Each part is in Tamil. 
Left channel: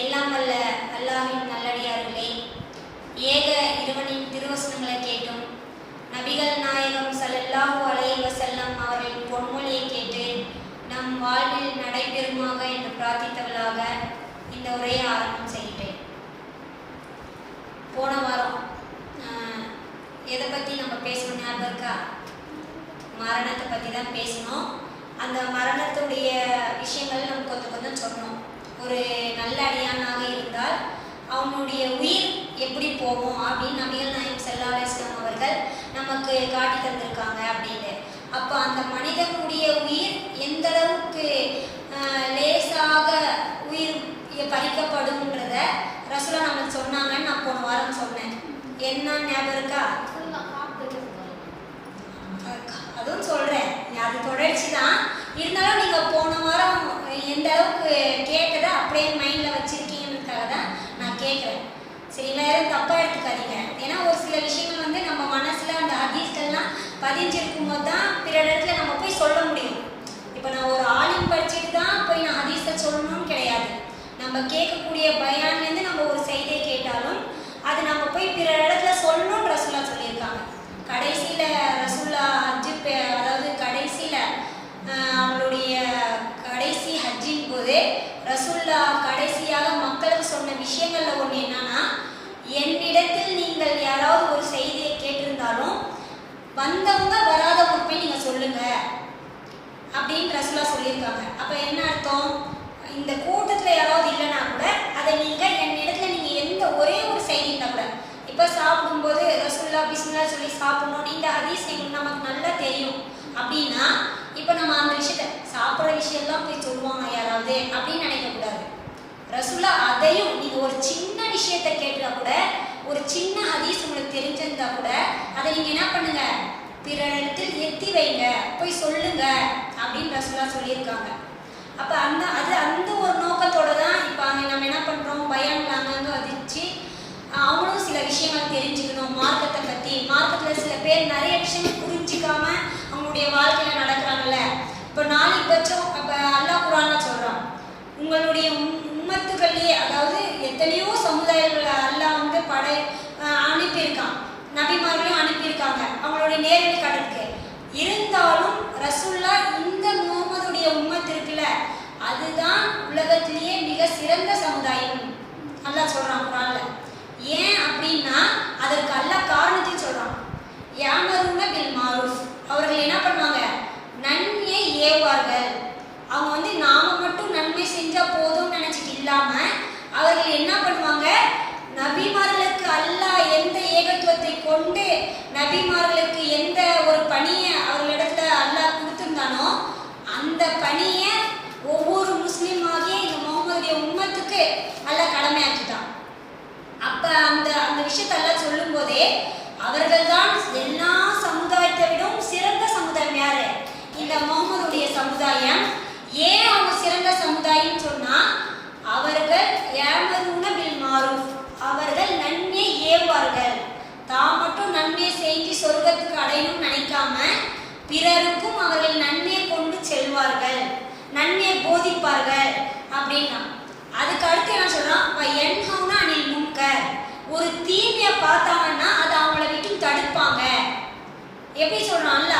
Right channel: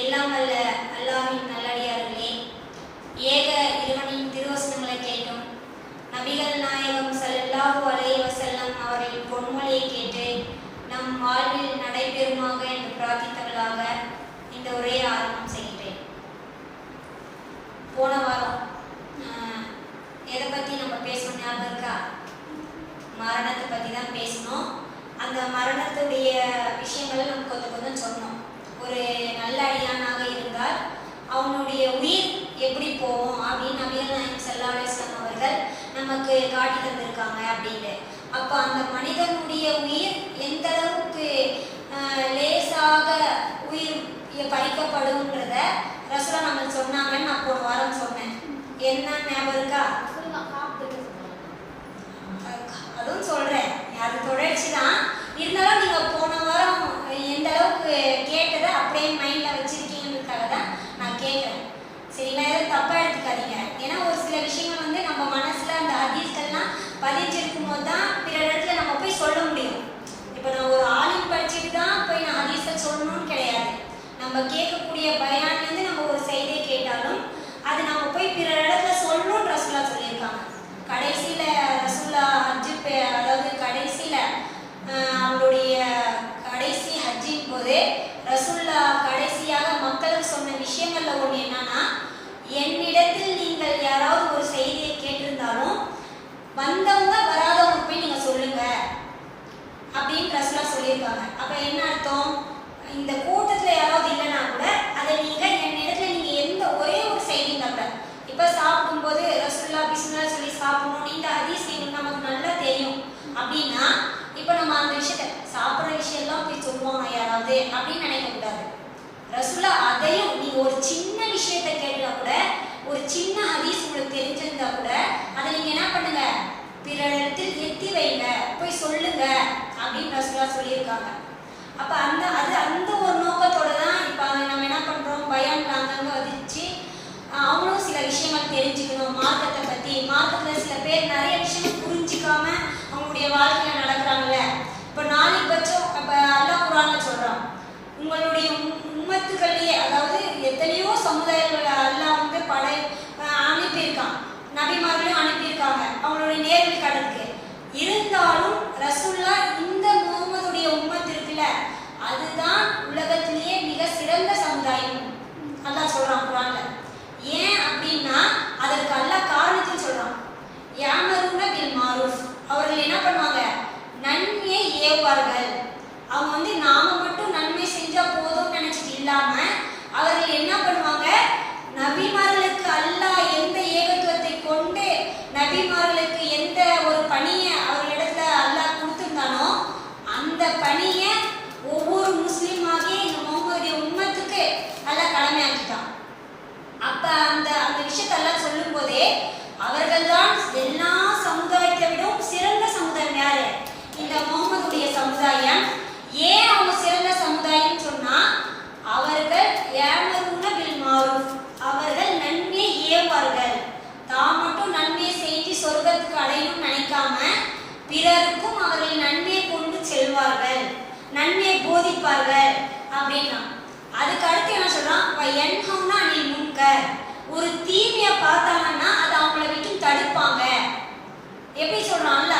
எல்லாம் வல்ல அல்லாஹ்வின் நல்லடியார்களே, ஏக இறைவனின் திருவசனங்களை கேட்டும் நபிகள் நாயகம் ஸல்லல்லாஹு அலைஹி வஸல்லம் அவரின் பொன்மொழியை கேட்டு நம் வாழ்வில் நடைபெறுமாக என்று பிரார்த்தித்தவர்களாக இந்த உரையை ஆரம்பம் செய்கிறேன். போன வாரம் எதை பற்றி நம்ம பேசணும் ஞாபகம் இருக்கா? மரணத்தை பற்றி தான் பேசணும். அந்த மரணத்துடைய விஷயங்கள் நம்ம கொஞ்சம் கொஞ்சம் சொன்னோம். ஒரு நல்ல அடியானாக இருந்தால் அவனுடைய உயிர் எப்படி போகும் அப்படின்னு நபிகள் நாயகம் ஸல்லல்லாஹு அலைஹி வஸல்லம் அவர்கள் நமக்கு காட்டி தந்திருக்காங்க அப்படின்னு. அப்போ அந்த மனிதனுடைய உயிர் எந்த அளவுக்கு லேசாக உயிர் பறிக்கப்படும்ன்றத ரசூலா நமக்கு சொன்னாங்கன்னு நான் போன வாரம் சொன்னேன். என்ன ஞாபகம் இருக்கா? அதுவும் சொல்றேன், அது தொடர்ச்சி தான். இருந்தாலும் நீங்க போன வாரம் எந்த அளவுக்கு கேட்டதை அப்படியே மைண்ட்ல வச்சிருக்கீங்கன்றதுக்காக தான் நான் கேட்குறேன். சரிங்களா? எதுவும் தப்பா எடுத்துக்காதீங்க. ஏன்னா ஒரு சில விஷயங்கள் வந்து நம்ம மனசுல அந்த ஹதீஸ்கள்லாம் பதிஞ்சிருக்கும் போது தான் பிற இடத்துல நம்ம போய் சொல்ல முடியும். இப்போ நான் ஒரு ஆலிம் படிச்சுட்டு தான் போய் நான் ஹதீஸை சொல்லணும்னு கிடையாது. நம்ம கேட்கக்கூடிய பயான்லேருந்து நம்ம ஒரு செய்தியை கேட்டாலும் அது நம்ம போய் பிற இடத்துல சொல்லணும்னு ரசூலா சொல்லியிருக்காங்க. கடைசியில ரசூலா அதாவது கடைசியில அவங்களுடைய கடைசி ஹஜ்ஜின் போது ரசூல்லா கடைசியாக மக்களுக்கு சொன்ன விஷயங்கள்ல ஒன்று என்னன்னா, என்னிடத்தில் நீங்கள் யாராவது ஒரு செய்தியை கேட்டிருந்தாலும் வந்தவங்க வராதவங்க போய் நீங்க சொல்லுங்க அப்படின்னு ரசூலா சொல்லியிருக்காங்க. அப்ப என்ன அர்த்தம்? இந்த கூட்டத்துல யாராவது இல்லைன்னா கூட அதை நீங்க என்னிடத்துல நீங்க எந்த ஒரே ஒரு செய்தி இருந்தா கூட, இப்ப சாப்பிடும்போது ரசூல்லா பிஸ்மில்லா சொல்லி சாப்பிடணும், இந்த ஹதீஸ் நமக்கு நல்லா தெரியும் அப்படின்னா இப்ப நம்ம அந்த விஷயத்த சாப்பிட்ற விஷயம்லாம் போய் சொல்லுவாங்க யாராவது அப்படின்னு நினைக்க கூடாது. ரசூலா அதையும் நீங்க ஒரு சின்ன விஷயத்த கேட்டா கூட, ஒரு சின்ன ஹதீஸ் உங்களுக்கு தெரிஞ்சிருந்தா கூட அதை நீங்க என்ன பண்ணுங்க, பிற இடத்தில் எத்தி வைங்க, போய் சொல்லுங்க அப்படின்னு ரசூலா சொல்லியிருக்காங்க. அப்ப அந்த ஒரு நோக்கத்தோட தான் இப்ப நம்ம என்ன பண்றோம், பயான் அங்கங்க வதிச்சு அவங்களும் சில விஷயங்கள் தெரிஞ்சுக்கணும் மார்க்கத்தை பத்தி. மார்க்கத்துல சில பேர் நிறைய விஷயம் புரிஞ்சிக்காம அவங்களுடைய வாழ்க்கையில நடக்கிறாங்கல்ல. இப்போ நாளைக்கு பட்சம் அப்ப அல்லாஹ் குர்ஆன்ல சொல்றான், உங்களுடைய உம்மத்துக்கள்லயே அதாவது எத்தனையோ சமுதாயங்களை அல்லாஹ் வந்து அனுப்பியிருக்கான், நபிமார்களையும் அனுப்பியிருக்காங்க அவங்களுடைய நேரடி கடற்கு. இருந்தாலும் ரசூல்லா இந்த முகமதுடைய உம்மத்து இருக்குல்ல, அதுதான் உலகத்திலேயே மிக சிறந்த சமுதாயம் அல்லாஹ் சொல்றான் குர்ஆன்ல. ஏன் அப்படின்னா அதற்கு அல்லாஹ் காரணத்தையும் சொல்றான். யாமருன பில் மாரூஃப், அவர்கள் என்ன பண்ணுவாங்க, நன்மையை ஏவுவார்கள். அவங்க வந்து நாம மட்டும் நன்மை செஞ்சா போதும் நினைச்சிட்டு இல்லாம அவர்கள் என்ன பண்ணுவாங்க, நபிமார்களுக்கு அல்லாஹ் எந்த ஏகத்துவத்தை கொண்டு நபிமார்களுக்கு எந்த ஒரு பணியை அவர்களிடத்துல அல்லாஹ் கொடுத்திருந்தானோ அந்த பணியை ஒவ்வொரு முஸ்லீமாகிய இந்த முகமதுடைய உம்மத்துக்கு அல்லாஹ் கடமையாக்கிட்டான். அப்ப அந்த விஷயத்தெல்லாம் சொல்லும் போதே அவர்கள் தான் எல்லா சமுதாயத்தை விடவும் சிறந்த சமுதாயம். யாரு? இந்த முகமதுடைய சமுதாயம். ஏன் அவங்க சிறந்த சமுதாயம் சொன்னா, அவர்கள் யாமருன பில் மாரூஃப், அவர்கள் நன்மையை ஏவுவார்கள். தான் மட்டும் நன்மையை செஞ்சு சொர்க்கத்துக்கு அடையணும்னு நினைக்காம பிறருக்கும் அவர்கள் நன்மையை கொண்டு செல்வார்கள், நன்மையை போதிப்பார்கள் அப்படின்னா. அதுக்கு அடுத்து என்ன சொல்றான், யன்ஹவுன அனில் முன்கர், ஒரு தீமையை பார்த்தாங்கன்னா அது அவங்கள விட்டு தடுப்பாங்க. எப்படி சொல்றான்ல,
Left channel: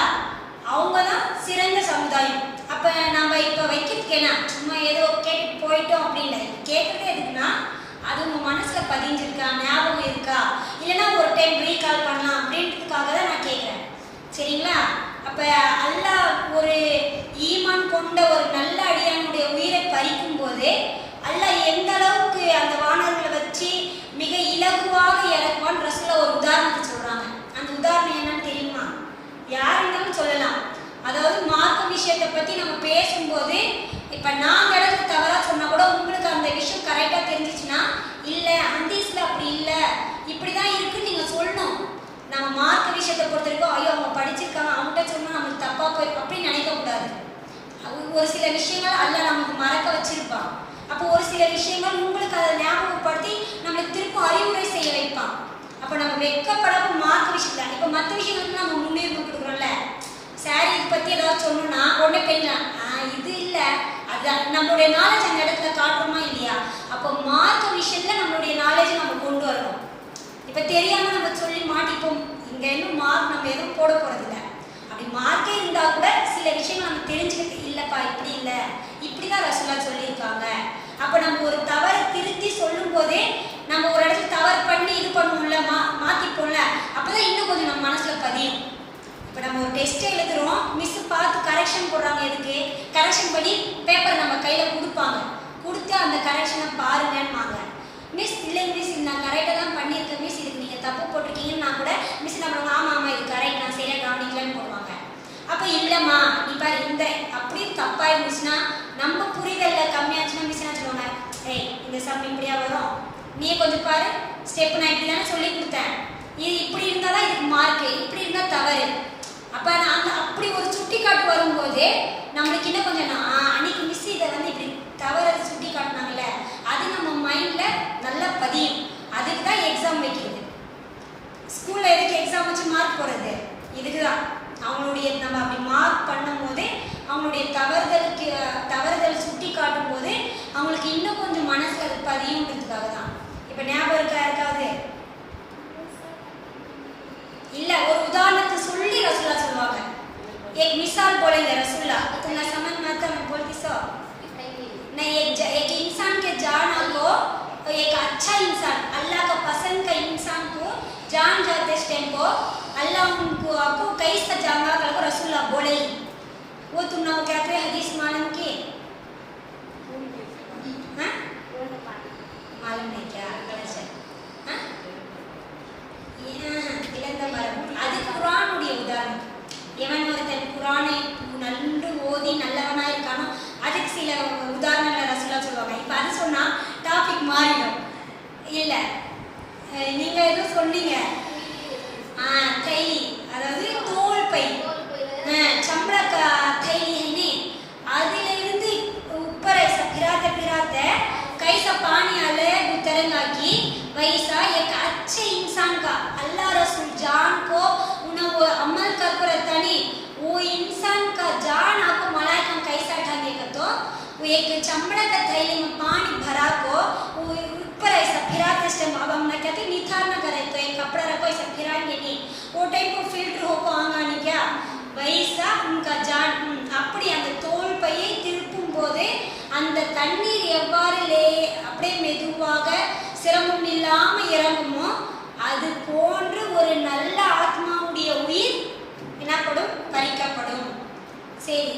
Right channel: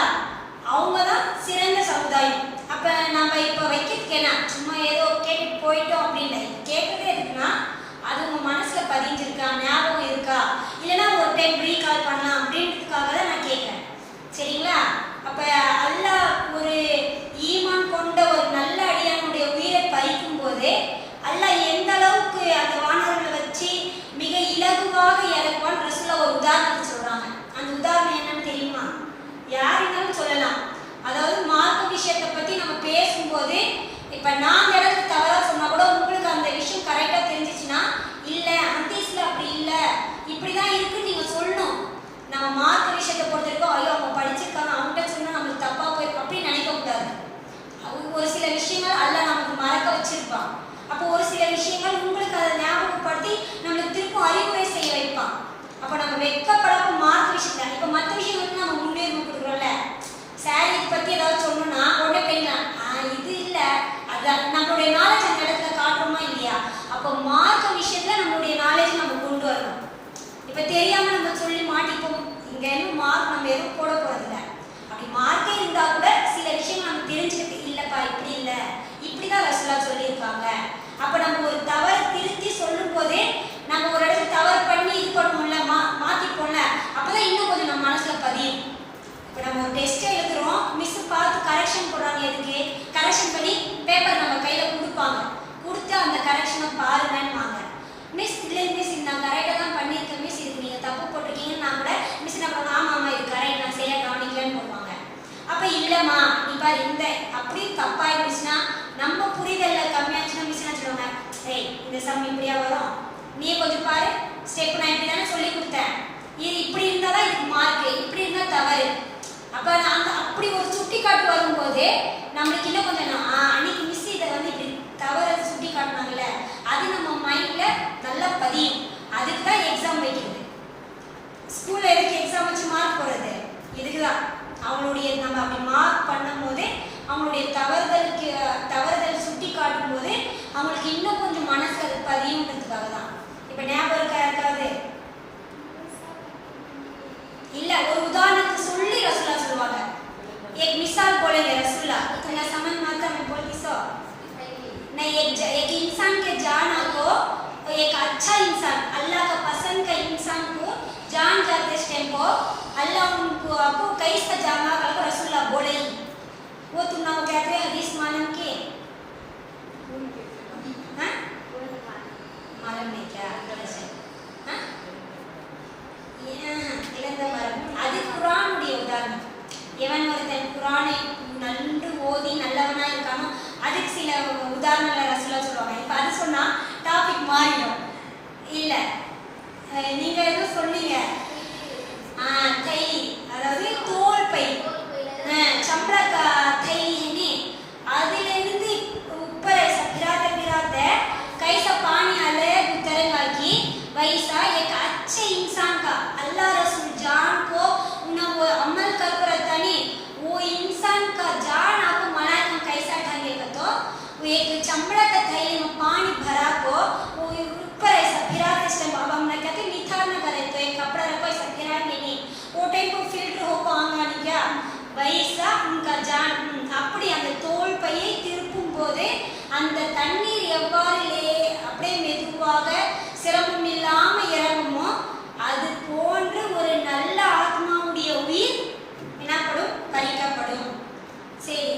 அவங்க தான் சிறந்த சமுதாயம். அப்ப நம்ம இப்ப வைக்கிறதுக்கு என்ன, சும்மா ஏதோ கேட்டு போயிட்டோம் அப்படின்னு கேட்கறதே எதுக்குன்னா, அது உங்க மனசுல பதிஞ்சிருக்கா, ஞாபகம் இருக்கா, இல்லைன்னா ஒரு டைம் ரீகால் பண்ணலாம் அப்படின்றதுக்காக தான் நான் கேட்கிறேன். சரிங்களா? அப்ப அல்லாஹ் ஒரு ஈமான் கொண்ட ஒரு நல்ல அடியானுடைய உயிரை பறிக்கும் போது அல்லாஹ் எந்த அளவுக்கு அந்த வானவர்களை வச்சு மிக இலகுவாக இறக்குவான்னு ரசூலா ஒரு உதாரணத்தை சொல்றாங்க. அந்த உதாரணம் என்னன்னு தெரியுமா? யாருன்னாலும் சொல்லலாம். அதாவது மார்க்க விஷயத்தை பத்தி நம்ம பேசும்போது இப்ப நான் அந்த இடத்துக்கு தவறா சொன்னா கூட உங்களுக்கு அந்த விஷயம் கரெக்டா தெரிஞ்சிச்சுன்னா, இல்ல ஹதீஸ்ல அப்படி இல்ல இப்படிதான் இருக்குன்னு நீங்க சொல்லணும். நம்ம மார்க்க விஷயத்தை பொறுத்த வரைக்கும் ஐயோ அவங்க படிச்சிருக்காங்க அவங்ககிட்ட சொன்னா நம்மளுக்கு தப்பா போயிருக்கும் அப்படின்னு நினைக்க கூடாது. ஒரு சில விஷயங்கள் அல்லாஹ் நமக்கு மறக்க வச்சிருப்பான். அப்போ ஒரு சில விஷயங்கள் உங்களுக்கு அதை ஞாபகப்படுத்தி நம்மளுக்கு திரும்ப அறிவுரை செய்ய வைப்பான். அப்ப நம்ம வெட்கப்படாம மார்க்க விஷயத்துல இப்ப மற்ற விஷயங்களுக்கு நம்ம முன்னேறி கொடுக்குறோம்ல, சாரி பத்தி ஏதாவது சொல்லணும்னா உடனே பெண்ணா இது இல்ல, அது நம்மளுடைய நாலேஜ் அந்த இடத்துல காட்டுறோமா இல்லையா? அப்போ மார்க்க இப்ப தெரியாம நம்ம சொல்லி மாட்டிப்போம். இங்க என்ன மார்க் நம்ம எதுவும் போட போறது இல்லை. அப்படி மார்க்கே இருந்தா கூட சில விஷயங்கள் நம்ம தெரிஞ்சுக்கிட்டு இல்லப்பா இப்படி இல்லை இப்படிதான் ரசூலா சொல்லியிருக்காங்க. அப்ப நம்ம ஒரு தவறை திருத்தி சொல்லும் போதே நம்ம ஒரு இடத்துல தவறு பண்ணி இது பண்ணுவோம்ல, மாத்திப்போம்ல, அப்பதான் இன்னும் கொஞ்சம் நம்ம மனசுல பதியும். இப்போ நம்ம ஒரு டெஸ்ட் எழுதுறோம், மிஸ் பார்த்து கரெக்ஷன் போடுறாங்க. எதுக்கு கரெக்ஷன் பண்ணி பேப்பர் நம்ம கையில கொடுப்பாங்க. கொடுத்து அந்த கரெக்ஷனை பாருங்கன்னுவாங்க. மிஸ் இல்லை மிஸ் நான் கரெக்டாக தான் பண்ணியிருக்கேன் மிஸ், இதுக்கு நீங்கள் தப்பு போட்டிருக்கீங்கன்னு நான் கூட மிஸ் என்ன பண்ணுவாங்க, ஆமாம் ஆமாம் இது கரெக்ட் நான் சரியாக கவனிக்கலன்னு போடுவாங்க. அப்போ இல்லைம்மா இப்போ இந்த அப்படி தப்பாக இருந்துச்சுன்னா நம்ம புரிதலில் கம்மியாச்சுன்னா மிஸ் என்ன சொல்லுவாங்க, ஏய் இந்த சம் இப்படியா வரும், நீ கொஞ்சம் பாரு ஸ்டெப் நான் இப்படி தானே சொல்லி கொடுத்தேன், இது இப்படி இருந்தால் தான் இதுக்கு மார்க்கு, இப்படி இருந்தால் தவறு. அப்போ நாங்கள் அப்படி ஒரு சுட்டி காட்டு வரும்போது நம்மளுக்கு இன்னும் கொஞ்சம் அன்னைக்கு மிஸ் இதை வந்து இப்படி தவறு சுட்டி காட்டினாங்கல்ல, அது நம்ம மைண்ட்ல நல்லா பதியும். அதுக்கு தான் எக்ஸாம் வைக்கிறது. ஸ்கூல்ல எதுக்கு எக்ஸாம் வச்சு மார்க் போடுறது? இதுக்கு தான். அவங்களுடைய நம்ம அப்படி மார்க் பண்ணும் போதே அவங்களுடைய தவறுதல் சுட்டி காட்டும் போது அவங்களுக்கு இன்னும் கொஞ்சம் மனசு அது பதியுன்றதுக்காக தான். இப்போ ஞாபகம் இருக்கா யாருக்காவது? இல்ல ஒரு உதாரணத்தை சொல்லி रसूला சொல்வாங்க. एक मिसाल बोलेंगे रसूला, तुमने समझ में आता मैं बोलती सो नहीं। एक इंसान के जान को एक अच्छा इंसान अल्लाह का पसंद का इंसान को जान जाते टाइम को अल्लाह उनको आपको कैसा जाना कल को रसूला बोले वो तुम लोग क्या कहते हदीस मालूम की? हाँ मालूम नहीं क्या? அது குர்ஆனுடைய உதாரணம். எவன் ஒருத்தன் குர்ஆனை நன்கு ஓதி நல்லவனா இருக்கானோ அதுக்கு சில உதாரணங்களை ரசூலா சொல்லுவாங்க. இப்போ அது சொன்னா டாபிக் மாறிடும். இல்ல நீங்க எதுவும் சொன்னீங்க, கை அதாவது தோல் பை चमड़ा थैली அதுல இருந்து ऊपर ऐसा पिराते पिराते कैसा पानी आले तरंगा की वैसा एक अच्छे इंसान का अल्लाह रसूल जान को उन्हें वो अमल कर करता नहीं वो इंसान का जान आपको मलाइका कैसा ढंगेगा तो वो एक चमड़ा का थैली में पानी भरा को वो ऊपर ऐसा फिराते टाइम अब हम ना कहते निथारना करे तो एक कपड़ा रखो ऐसा फिराएंगे नहीं वो टाइम को फिल्टर हो को आंगा नहीं क्या वैसा उनका जान அப்படி அந்த தோல் பையை திருப்பும் போது அந்த தண்ணீர் எவ்வாறு அப்படியே மெதுவாக சிரமம் இல்லாம இறங்குமோ அது போன்று ஒரு நல்ல ஆத்மாவுடைய உயிர் என்னப்படும் பறிக்கப்படும். சரி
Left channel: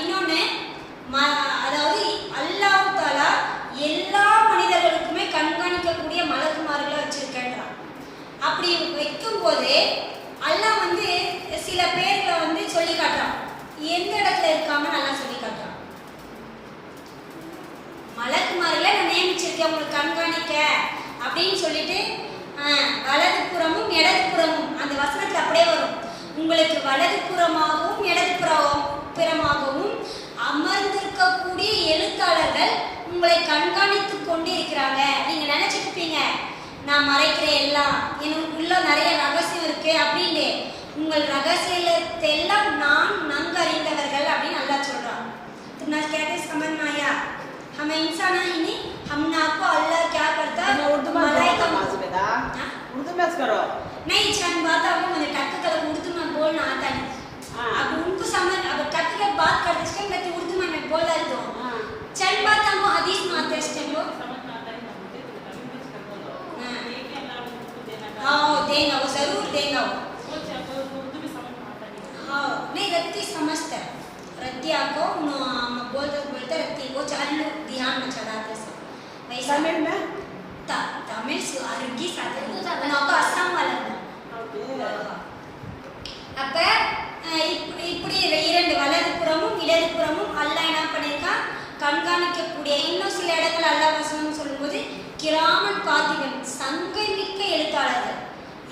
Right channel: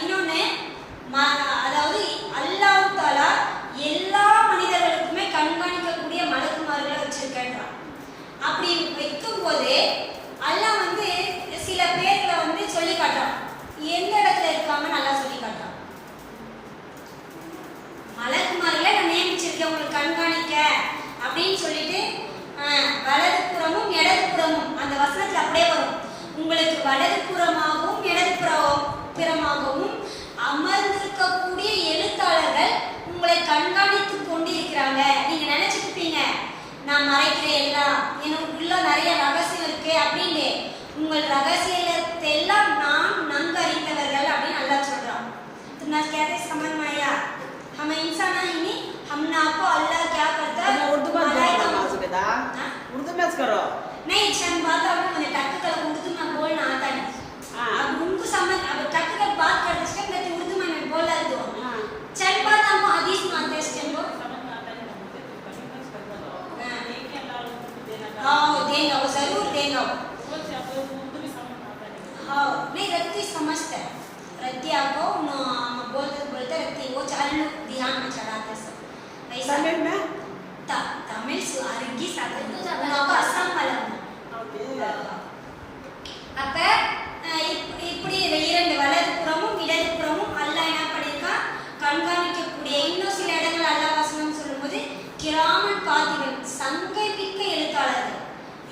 இன்னொன்னு அதாவது அல்லாஹ் தஆலா எல்லா மனிதர்களுக்குமே கண்காணிக்கக்கூடிய மலக்குமார்களை வச்சிருக்கான். அப்படி வைக்கும் போது அல்லாஹ் வந்து சில பேர்களை வந்து சொல்லி காட்டுறான், எந்த இடத்துல இருக்காங்க நல்லா சொல்லி காட்டுறான். மலக்குமார்களை நான் நியமிச்சிருக்கேன் உங்களுக்கு கண்காணிக்க அப்படின்னு சொல்லிட்டு வலது புறமும் இடது புறமும் அந்த வசனத்துல அப்படியே வரும், உங்களுக்கு வலது புறமாகவும் இடது புறமாகவும் அமர்ந்திருக்கக்கூடிய எழுத்தாளர்கள் உங்களை கண்காணித்து கொண்டு இருக்கிறாங்க. நீங்க நினைச்சிருப்பீங்க நான் மறைக்கிறேன் எல்லாம் எனக்கு உள்ள நிறைய ரகசியம் இருக்கு அப்படின்னு. உங்கள் ரகசியத்தை எல்லாம் நான் நன்கு அறிந்தவர்கள் அப்படின்னு நல்லா சொல்றான். तो ना कहते समझ में आया हम इंसान है नहीं हमने आपको अल्लाह क्या करता है उर्दू में बेटा उर्दू में करो नहीं छन बात है मुझे टक्कर उर्दू में बोलना आता नहीं. अब उनको समझ अब टक्कर बात करते टाइम मैं तो उर्दू में बोला दो चल बात हमको हदीस में आते टाइम वो हाँ देंगे वो जरूर देंगे हाँ नहीं रत्ती समझते रत्तिया को बोलते रत्ती वो चालू ध्यान में चढ़ाते सब वैसा तमिल में तमिल सुअरगी साथ उनको असम वाला அப்ப இப்படி இரண்டு வலது புறமும் இடது புறமும் அல்லாஹ் என்ன பண்ணிருக்கா கண்காணிக்கக்கூடிய. இன்னும் சில இடங்கள் அல்லாஹ் வசனம் சொல்லும்போது கிராமன் காத்திகள் சங்கை மிக்க எழுத்தாளர்கள்,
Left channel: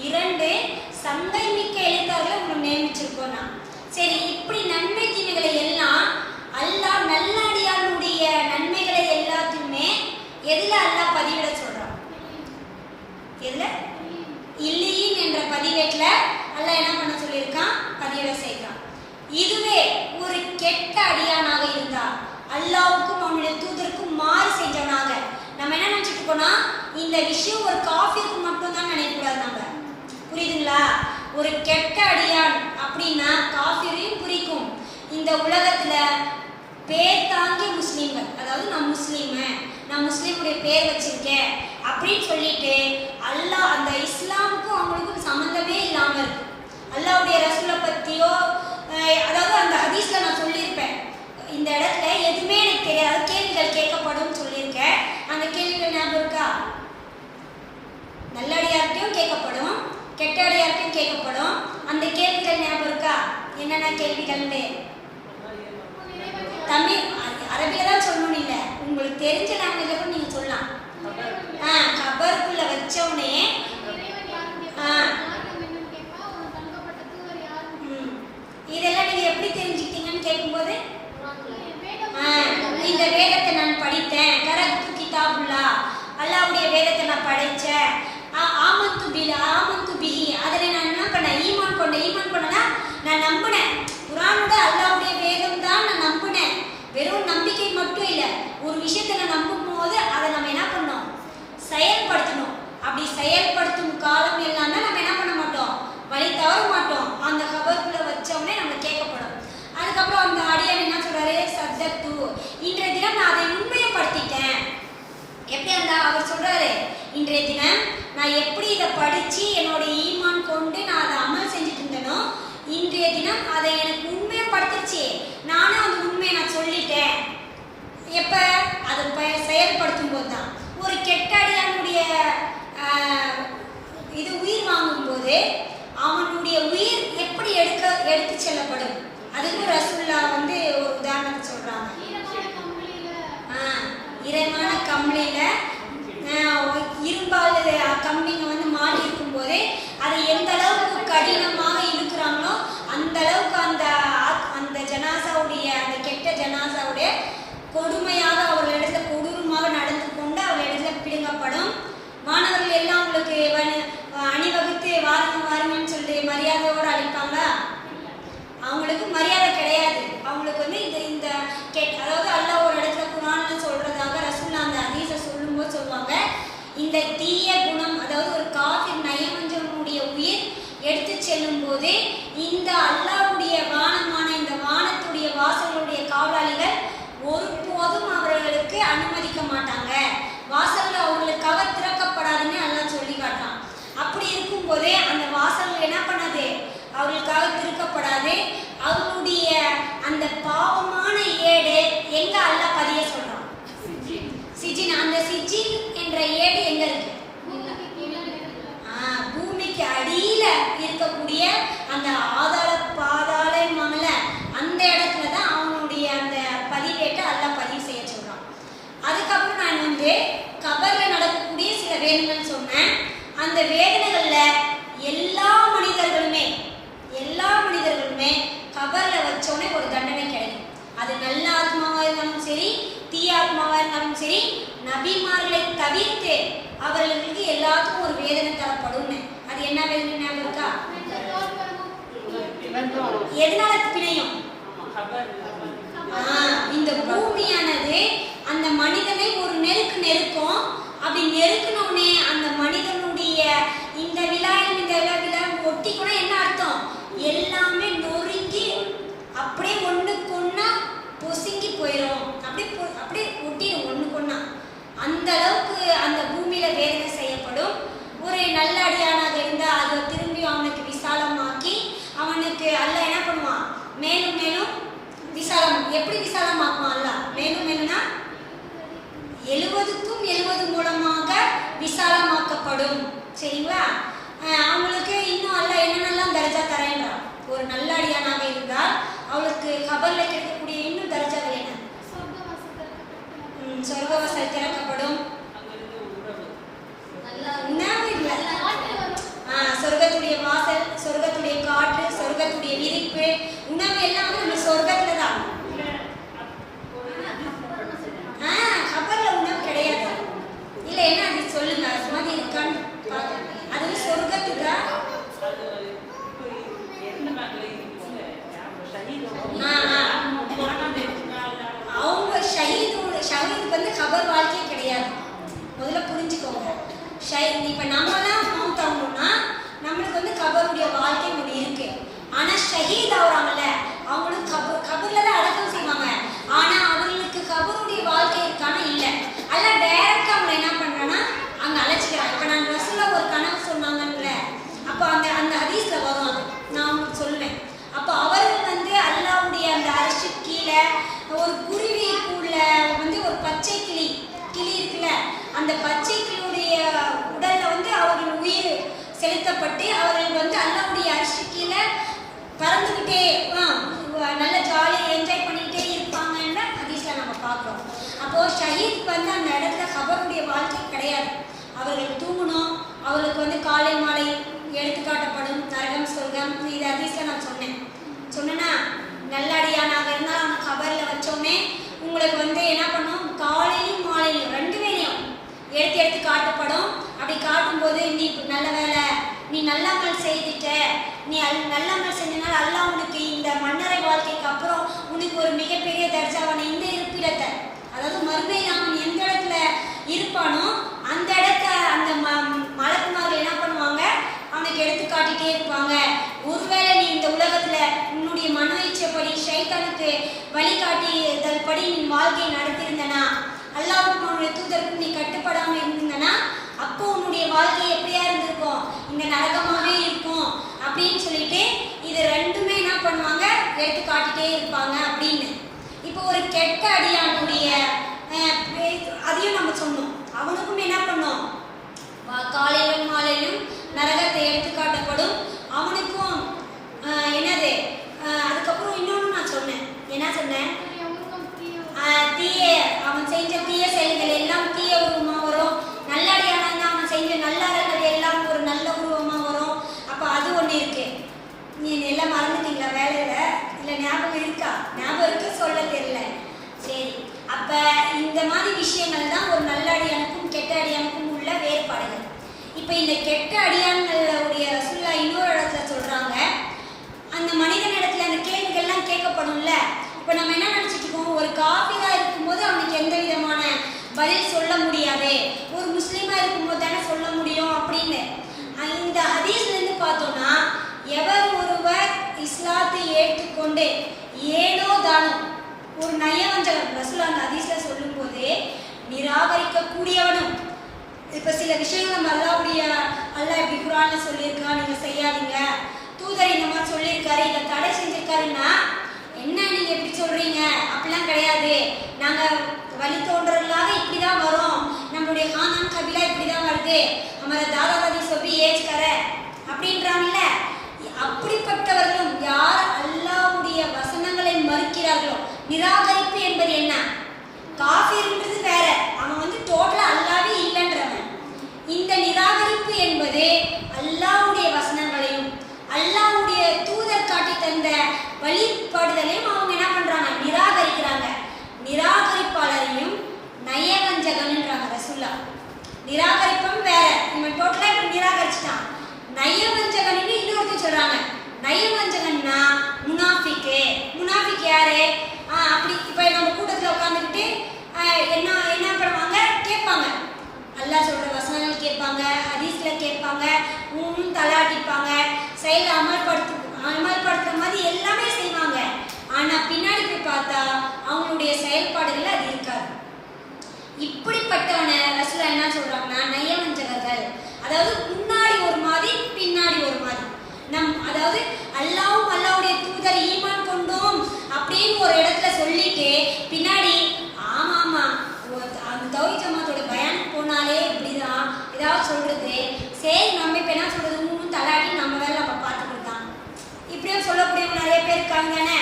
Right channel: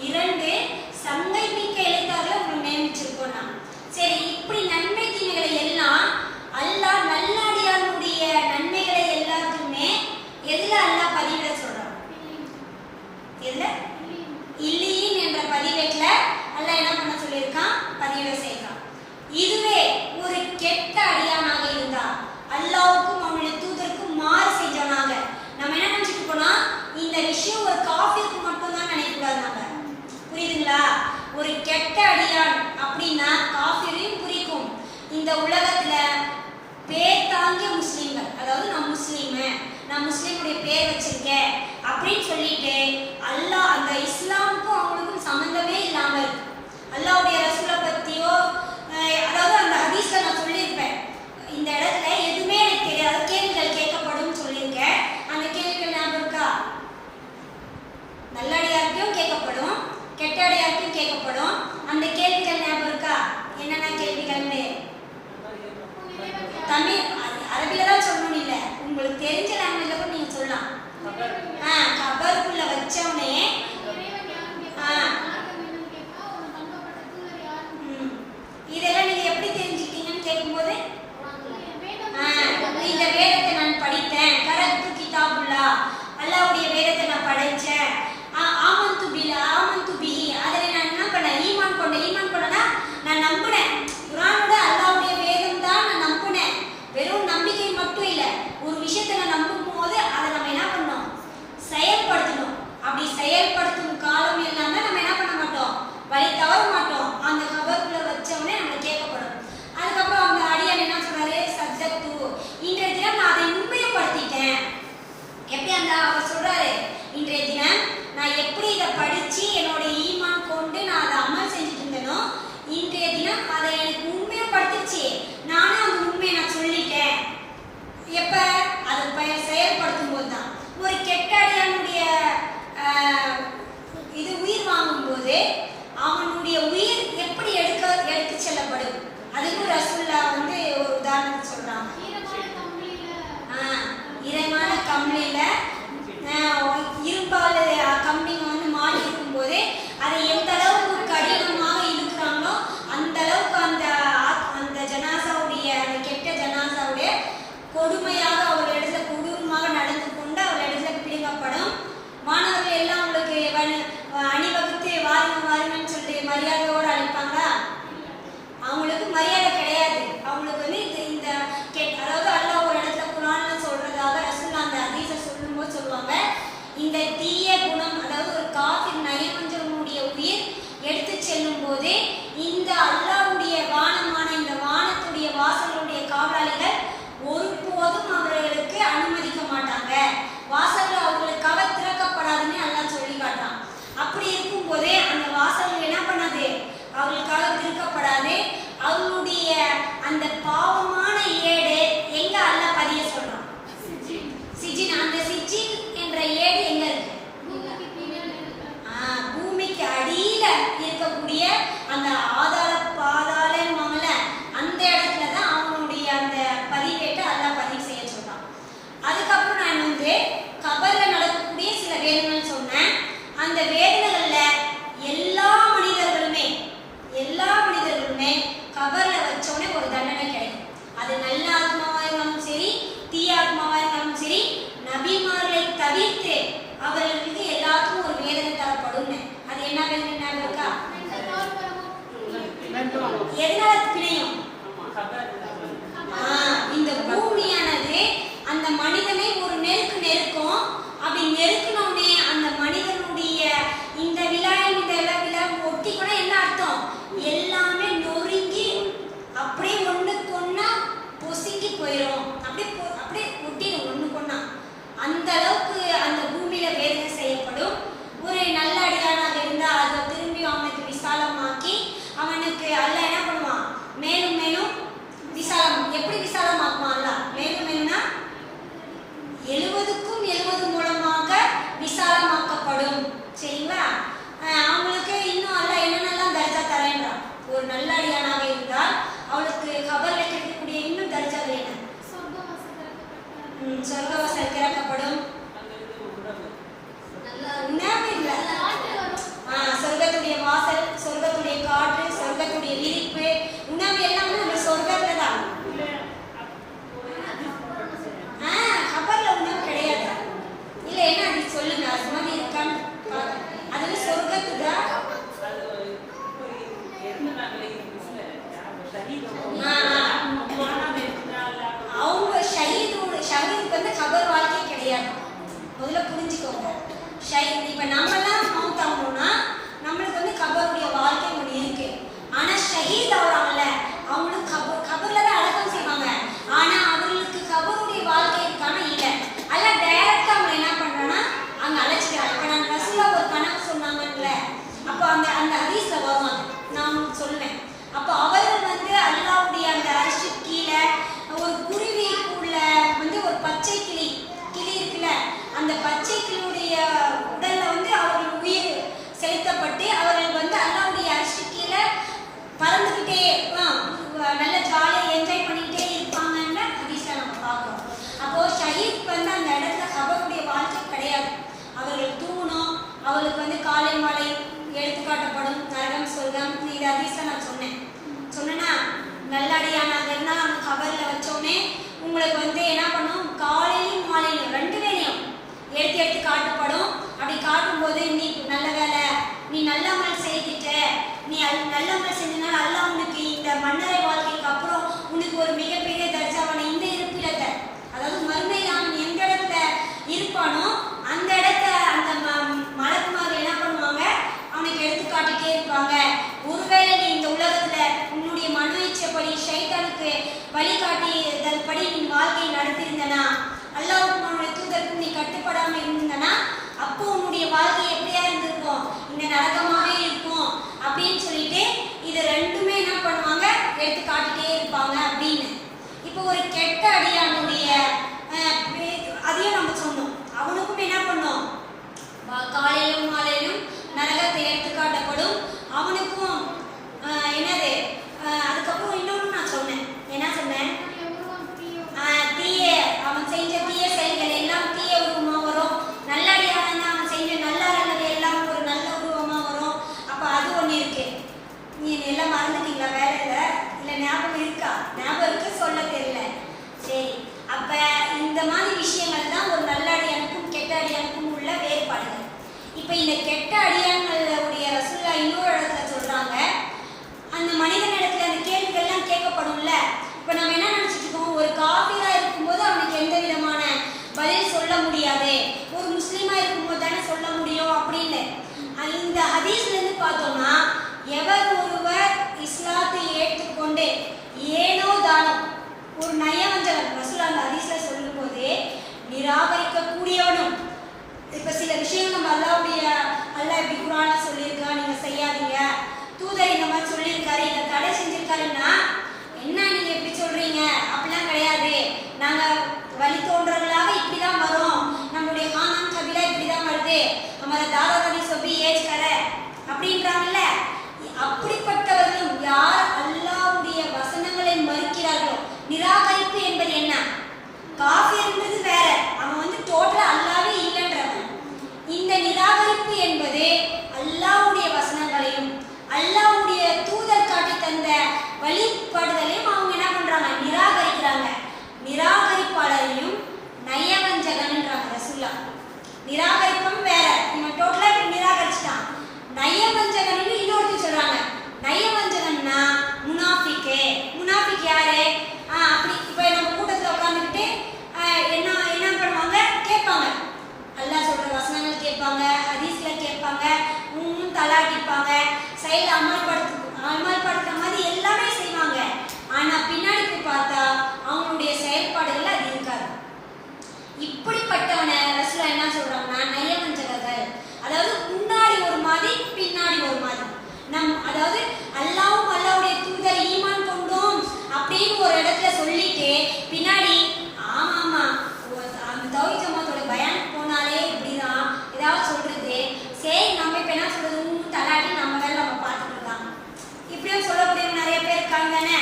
இரண்டு சங்கை மிக்க எழுத்தாளர்களை உங்களுக்கு நியமிச்சிருக்கோம் நான். சரி இப்படி நன்மை தீமைகளை எல்லாம் அல்லாஹ் நல்லடியாருடைய நன்மைகளை எல்லாத்தையுமே எதுல அல்லாஹ் பதிவிட சொல்றான்? எதுல? இல்லீன் என்ற பதிவேட்ல அல்லாஹ் என்ன பண்ண சொல்லியிருக்கான்? பதிவிட செய்கிறான். இதுவே ஒரு கெட்ட அடியானாக இருந்தா அல்லாஹ்வுக்கும் அவனுடைய தூதருக்கும் மாறு செஞ்சவனாக நம்ம என்ன நினைச்சிட்டு இருக்கோம்னா இந்த விஷயம் ஒரு காஃபிருக்கு மட்டும் சொந்தம் தான் நினைக்கக்கூடாது நம்ம. புரியுதுங்களா? ஒரு கெட்ட அடியான் அப்படின்னா காஃபிரையும் குறிக்கும். இந்த உலகத்துல பேர் தாங்கிய முஸ்லீம்கள், அதாவது நான் முஸ்லீமு, நான் முஸ்லீமுடைய பேர் வச்சிருக்கேன் அப்படின்னு சொல்லிட்டு அல்லாஹ் அந்த இஸ்லாமுக்கும் அவங்களுக்கும் சம்மந்தமே இல்லாம இருக்கு. அல்லாஹ்வுடைய ரசூலை பத்தியோ அதாவது அந்த ஹதீஸ்ல நான் சொல்லியிருப்பேன், இந்த இடத்துல எதுவுமே எனக்கு தெரியாது, கேள்விகள் கேட்கப்படும் சொல்லியிருக்கேன். அந்த கேள்விகள் ஞாபகம் இருக்கா? நல்லடியார்கிட்டையும் கேட்கப்படும், கெட்ட அடியார்கிட்டையும் கேட்கப்படும். அந்த கேள்விகள் ஞாபகம் இருக்கா? என்னென்ன கேள்விகள்னு தமிழ் அரபில தான் சொல்லணும், இல்ல உங்களுக்கு தெரிஞ்ச லாங்குவேஜ்ல கூட நீங்க சொல்லலாம். கபருக்குள்ள வச்சவனே இதெல்லாம் நீங்க எப்படி தெரிஞ்சுக்கிட்டீங்கன்னு கேட்கும்போது இந்த வேதத்தை நான் படித்தேன், கரத்து கிதாபுல்லா, அல்லாஹ்வுடைய வேதத்தை நான் படித்தேன், ஆமந்து பிஹி, அதை நான் என்ன பண்ணேன், ஈமான் கொண்டேன்னா நான் நம்பினேன். குர்ஆனோட அல்லாஹ்வுடைய வேதம் தான் நான் நம்பினேன். வெறும் நம்பிக்கை மட்டும் இல்லை, ஒரு விஷயத்தை நான் நம்பும் போது அதை நம்ம என்ன பண்ணோம், செயல்படுத்தணும். அப்படி செயல்படுத்தும் காலம் இல்லாம நம்ம என்ன பண்ண மாட்டோம், வழி தவற மாட்டோம். அந்த கபருக்குள்ள வச்சவனே நம்ம கேட்கப்படும். அதுக்கப்புறம் அந்த அடியான் என்ன சொல்றாரு, சத்தத்து, இன்றைய தினம் நான் அதை உண்மையப்படுத்திட்டேன். எப்படி அந்த அவர் சொல்றாரு, இன்றைய தினம் நான் எப்படி இதை படிச்சு என்னோட ஈமான் கொண்டு நான் அதை அமல் செஞ்சுட்டு இருந்தேனோ, இன்றைய தினம் அதை எனக்கு உண்மையப்படுத்திச்சு. நானும் அந்த உண்மையை நான் சொல்லிட்டேன். எப்ப அதை செயல்படுத்தும் போது தான். ஒரு கெட்ட அடியானுடைய இது உயிர் வாங்கும் போது அவனுடைய உயிர் எப்படி எடுத்து செல்லப்படும், அதுக்கு ரசூல்லா வந்து ஒரு உதாரணத்தை சொல்றாங்க. ஈரமான கம்பளியில இரும்பால் கம்பிங்க வந்து மாட்டி இருக்கும் போதே அதை எந்த அளவுக்கு கடினமாக இழுக்கிறாங்களோ அந்த அளவுக்கு அந்த ஜனாசாவுடைய அந்த கெட்ட ஜனாசாவுடைய கொடுமையாக அவர்களிடத்துல கொடூரமாக நடந்து கொண்டு அவர்களிடத்துல பிடுங்கப்படும். மாணவர்கள் எல்லாம் உங்களுக்கு அணிவகுத்து வாருங்கன்னு சொல்லிட்டு மரியாதையோடு அழைப்பாங்களா? அவங்களுக்கு மரியாதை கிடையாது. அவங்களுக்கு வந்து இந்த அதாவது அல்லாஹ் ஒரு இடத்துல குர்ஆன்ல சொல்றதாக ரசூலுல்லாஹ் அந்த ஹதீஸை சொல்லும்போது சொல்லுவாங்க, இந்த தீய குணம், அதாவது ஒரு காஃபிர் நயமஞ்சனுடைய உயிர் எடுத்து செல்லும் போது இந்த அல்லாஹ்வுடைய வானமான இந்த வானத்துடைய வாசலுடைய காவலாளிகள் ஒருபோதும் அவர்களுக்கு அனுமதிக்க மாட்டாங்க, வாசல்கள் அவர்களுக்காக திறக்கப்படாதுன்னு அல்லாஹ் சொல்லி காட்டான். அப்படி இருக்கும்போதே அந்த வாசல்கள் என்ன பண்ணாது, அவர்களுக்காக திறக்கப்படாது. அவர்களுடைய அந்த பாவமான ஏடு எங்க அல்லாஹ் பதிய சொல்றான், சிஜின். அந்த சிஜின் என்ற ஏடு எங்க இருக்கு, பூமிக்கு அடியில இருக்கக்கூடிய அந்த பாதாளம்ல அந்த இடத்துல தான் அவங்களுடைய அந்த பதிவேட்டை அல்லாஹ் பதிவு செய்ய சொல்றான். அதுக்கப்புறம் நான் வந்து கபர்ல நடக்கக்கூடிய சில வேதனைகள் சொன்னேன். அந்த வேதனைகள்ல எல்லா மனிதர்களுமே கபர்ல வச்சோடனே ஒரு தண்டனை கிடைக்கும். அது நல்ல ஆத்மாவா இருந்தாலும் சரி, தீய ஆத்மாவா இருந்தாலும் சரி, நபிமார்களை தவிர்த்து அவர்களுக்கு எல்லாத்துக்கும் ஒரு வேதனை தரப்படும். அது என்ன வேதனை இருக்கா? எதனால பிணையும்? இந்த பூமியானது அந்த மனிதனை ஒரு நெருக்கும். அப்படி நெருக்கணும்னே அந்த மனிதனுடைய இந்த விழாவில் ஒட்டி கூட என்ன அர்த்தம், எல்லாமே நொறுங்கி அப்படியே ஒண்ணுக்கு ஒண்ணா பொசுங்கி போயிடும். அப்படியே ஒட்டிடும் ஒண்ணுக்கு ஒண்ணா. அந்த அளவுக்கு அந்த பூமியில வேதனை செய்யப்படும். ஒரு நல்ல அடியானாக இருந்தா அதை திரும்பி அவனுக்கு விசாலமாக்கி அவனுக்கு அல்லாஹ் என்ன பண்ணுவான், மேலும் மேலும் விசாலம். எப்படி விசாலமாக்குவான் அல்லாஹ்? மேலும் மேலும்னா 70க்கும் 70 மூலமாக விசாலமாக்கப்படும். சரிங்களா? அவங்களுக்கு இன்னும் அல்லாஹ் என்னென்னலாம் தர்ஜா தரேன்றான். ஒரு நல்ல அடியானாக இருந்தால் அவளுக்கு கபர்ல இருக்கக்கூடிய இன்னும் தர்ஜாக்கள் என்ன, சொர்க்கவாசல் திறக்கப்படும். சொர்க்கத்துடைய வாசல், சொர்க்கத்துடைய காற்று, சொர்க்கத்துடைய விரிப்பு, உணவு எல்லாம் வந்து நம்ம சொர்க்கத்துல தான். கபர்ல உணவு கிடையாது. இல்ல என்ன அது சொல்லுங்க, அது மாதிரி இருக்கான்னு. அது வந்து சொர்க்கத்து தான். அவங்க ஷஹீதுக்கு வந்து கபர் வாழ்க்கை கிடையாது. முதல்ல புரிஞ்சுக்கோங்க. இப்ப நம்மலாம் கபருடைய வாழ்க்கை ஒன்று இருக்கு. ஆனா ஷஹீத் ஆகுறாங்கல்ல, அவங்களுக்கு கபர்ல தான் அடக்கம் செய்வாங்க. ஆனா அவங்களுக்கு கபருடைய வாழ்க்கை இருக்கானா இல்ல. அல்ல டைரக்டா அவங்க என்ன பண்றாங்கன்னா அங்க அழைச்சிக்கிறாங்க. இப்ப நான் ரசூலா ஒரு கனவு சொன்னாங்கல்ல, அப்போ அந்த அந்த ஹதீஸ்ல வரும், அது நான் உங்களுக்கு சொல்லுவேன். அப்போ அவர்கள் வந்து அல்லாஹ்வுடைய அந்த அரிசி கீழே ஒரு குருவிக்குள்ள வந்து ஒரு பச்சை கிளி இருக்குல்ல, அந்த பச்சை கிளியுடைய உடல்ல வந்து அவர்கள் உயிர் செலுத்தப்பட்டு அவர்கள் வந்து அல்லாஹ்வுடைய அரிசி கீழே பறந்துக்கிட்டே நல்ல ஜாலியாக என்ஜாய் பண்ணிக்கிட்டே இருப்பாங்கன்னு ஹதீஸ்ல நம்ம பார்க்குறோம். அப்போ ஷஹீத் வந்து அந்த இடத்துல கபருடைய வாழ்க்கை கிடையாது. அவர்கள் தூங்கணும், அவர்களுக்கு வந்து காலை மாலை எடுத்துக்காட்டப்படும் நரகம் சொர்க்கம். இது ஹதீஸ்ல நான் சொன்னேன்னா நல்லடியானாக இருந்தால் அவங்க கபரில் வச்சோடனே உங்களுக்கு வந்து என்ன பண்ணும், காலையிலும் மாலையிலும் 2 வேளையும் எடுத்து காட்டப்படும். அப்படி காட்டும்போது நீ நல்ல வேலை, நீ நல்லமல் செய்துட்ட, நீ நல்லமல் செஞ்சனால அல்லாஹ் உனக்கு இந்த மன்னரை வாழ்க்கைக்கு அப்புறம் உனக்கு ஒரு மிகப்பெரிய தர்ஜாவான இந்த இருப்பிடத்தை, அதாவது மறுமையில் அவன் எந்த இடத்துல இருப்பானோ அந்த இடத்த அந்த மலக்குமார்கள் என்ன பண்ணுவாங்க, அவனுக்கு எடுத்து காட்டிட்டே இருப்பாங்க. ஒருவேளை நீ இந்த உலகத்துல உன்னுடைய மன இச்சைப்படி ஷைத்தானுக்கு வழிகாட்டியதன்படி நீ வாழ்க்கையை நடத்தியிருந்தனா, அல்லாஹ்வுக்கும் அவனுடைய தூதருக்கும் நீ கட்டுப்படாம இருந்தனா, அப்போ உன்னுடைய வாழ்க்கை எப்படியா இருந்திருக்கும், இந்த நரகமாகவே இருக்கும் அப்படின்னு சொல்லிட்டு இது 2மே என்ன பண்ணுவாங்க, எடுத்து காட்டிட்டே இருப்பாங்க அப்படின்னு. இப்போ ஒரு கெட்ட அடியானுடைய அதையும் நம்ம சொன்னோம். அவனுக்கும் என்ன பண்ணோம், காலையிலும் மாலையிலும் நரகத்தை எடுத்து காட்டப்படும். அவனுக்கும் என்னது, அதுக்கப்புறம் இன்னொன்று நான் சொன்னேன், என்ன சொன்னேன், தீய அவன் செஞ்ச தீய செயல்கள் எல்லாம் தீய உருவமா வரும். நல்லடியான அவன் செஞ்ச நல்லது எல்லாம் ஒரு நல்ல உருவமா வரும். அப்ப அது ஒண்ணு இருக்கு. நீ எல்லாம் மறந்துட்டீங்களா? வேற இல்ல ஞாபகம் இருக்கா? ஞாபகம் இருக்கு, சொல்ல தெரியல. சரி, அப்ப இந்த மாதிரி விஷயங்கள் தான் ஒரு நல்ல அடியானுக்கும் கெட்ட அடியானுக்கும் உள்ள வேறுபாடுகள். இப்ப இந்த கெட்ட அடியான்களுடைய ரசூலுல்லாஹ் இன்னொரு இடத்துல சொல்றாங்க, அந்த மனிதனிடத்துல அந்த கேள்விகள்லாம் கேட்கப்படும்ல. இப்ப நம்ம என்ன நினைச்சிட்டு இருக்கோம், ஒரு காஃபிரா இருக்கும்போது அவனுக்கு எந்த விதமான பதில் சொல்ல முடியாது, ஒரு முஸ்லீமா இருக்கும்போது தானே சொல்ல முடியும் அப்படின்னு. இந்த ஹதீஸ்ல இருந்து பார்த்தோம்னா, எவர் ஒருவர் இஸ்லாத்தை ஏற்றுக்கொண்டு ஏனோ தானோ ஒரு நயவஞ்சகன், ரசூலுல்லாஹ் அந்த ஹதீஸ்ல சொல்லும் போது நிராகரிக்க கூடியவனும், இப்ப சில விஷயங்கள் நம்ம அல்லாஹ் இப்படி குர்ஆன்ல சொல்லியிருக்கா, நீங்க செய்யாதீங்க, தூதர் இந்த மாதிரி சொல்லியிருக்காரு, இதை தடை செஞ்சிருக்காருன்னா என்ன நீங்க எப்படி சொல்றீங்க, அப்படிலாம் கிடையாது, நாங்க வழி தோன்றர்களாக இப்படிதான் வரும், நம்மளுடைய கானான் கபிலா இப்படிதான் வருது, நம்ம தாதாவதி சொல்லி ஏற்கற அப்படின்றாங்கல்ல. அப்படிப்பட்டவர்களும் யார் அல்லாஹ்வுடைய வசனங்களை மறுக்கிறார்களோ, நிராகரிப்பு என்பது என்ன, காஃபிர்ன்றது வேற, அவன் வந்து டோட்டலா அல்லாஹ்வே இல்லைன்றவன். இந்த நிராகரிப்பு என்பது அல்லாஹ்வுடைய வசனங்களையும் அல்லாஹ்வுடைய தூதர் காட்டி தந்த வழிபாடுகளையும் அவங்க என்ன பண்றாங்க, நிராகரிக்கிறாங்க. நிராகரிப்பாளரையும் நயவஞ்சகன்ன்றாங்க ரசூலுல்லாஹ். நிராகரிப்பும் வேற, இவன் டோட்டலா இப்படி நிராகரிச்சுட்டான். நயவஞ்சகன்னு இன்னொருத்தி சொல்றாங்க. நயவஞ்சகன்னா முனாஃபிக் யாரு, அப்படி இப்ப நம்ம கூட்டத்துல உட்காந்துக்கிட்டு என்ன பண்ணுவாங்க, கேட்பாங்க, அல்லாஹ் சொல்ற வசனங்கள் கேட்பாங்க, ஹதீஸ்ல கேட்பாங்க, தலாட்டிப்பாங்க, செயல் அமல்படுத்துற மாதிரி எல்லாமே செய்வாங்க. ஆனா பின்னாடி போய் பார்த்தா அவங்களுடைய செயல்பாடுகள் அது இருக்காது. இப்படிப்பட்டவன ரசூலுல்லாஹ் என்ன சொல்றாங்கன்னா நயவஞ்சகர்கள், அதாவது முன்னாடி ஒரு மாதிரி பின்னாடி ஒரு மாதிரி. அதாவது அல்லாஹ்வும் அல்லாஹ்வுடைய தூதர் ஈமான் கொண்டோம் அப்படின்னு ஒரு இடத்துல சொல்லிட்டு பின்னாடி ஆமா அந்த தௌஹீத் ஜமாத்தோட பயானுக்கு போனாலே இப்படிதான் ஏதாவது சொல்றது, சரி நம்ம இப்ப என்ன சொல்றது, தலாட்டி நம்ம வேலை நம்ம பார்த்துக்கிட்டாங்க, இப்படியும் சொல்லக்கூடியவங்க நிறைய பேர் இருக்காங்க தானே.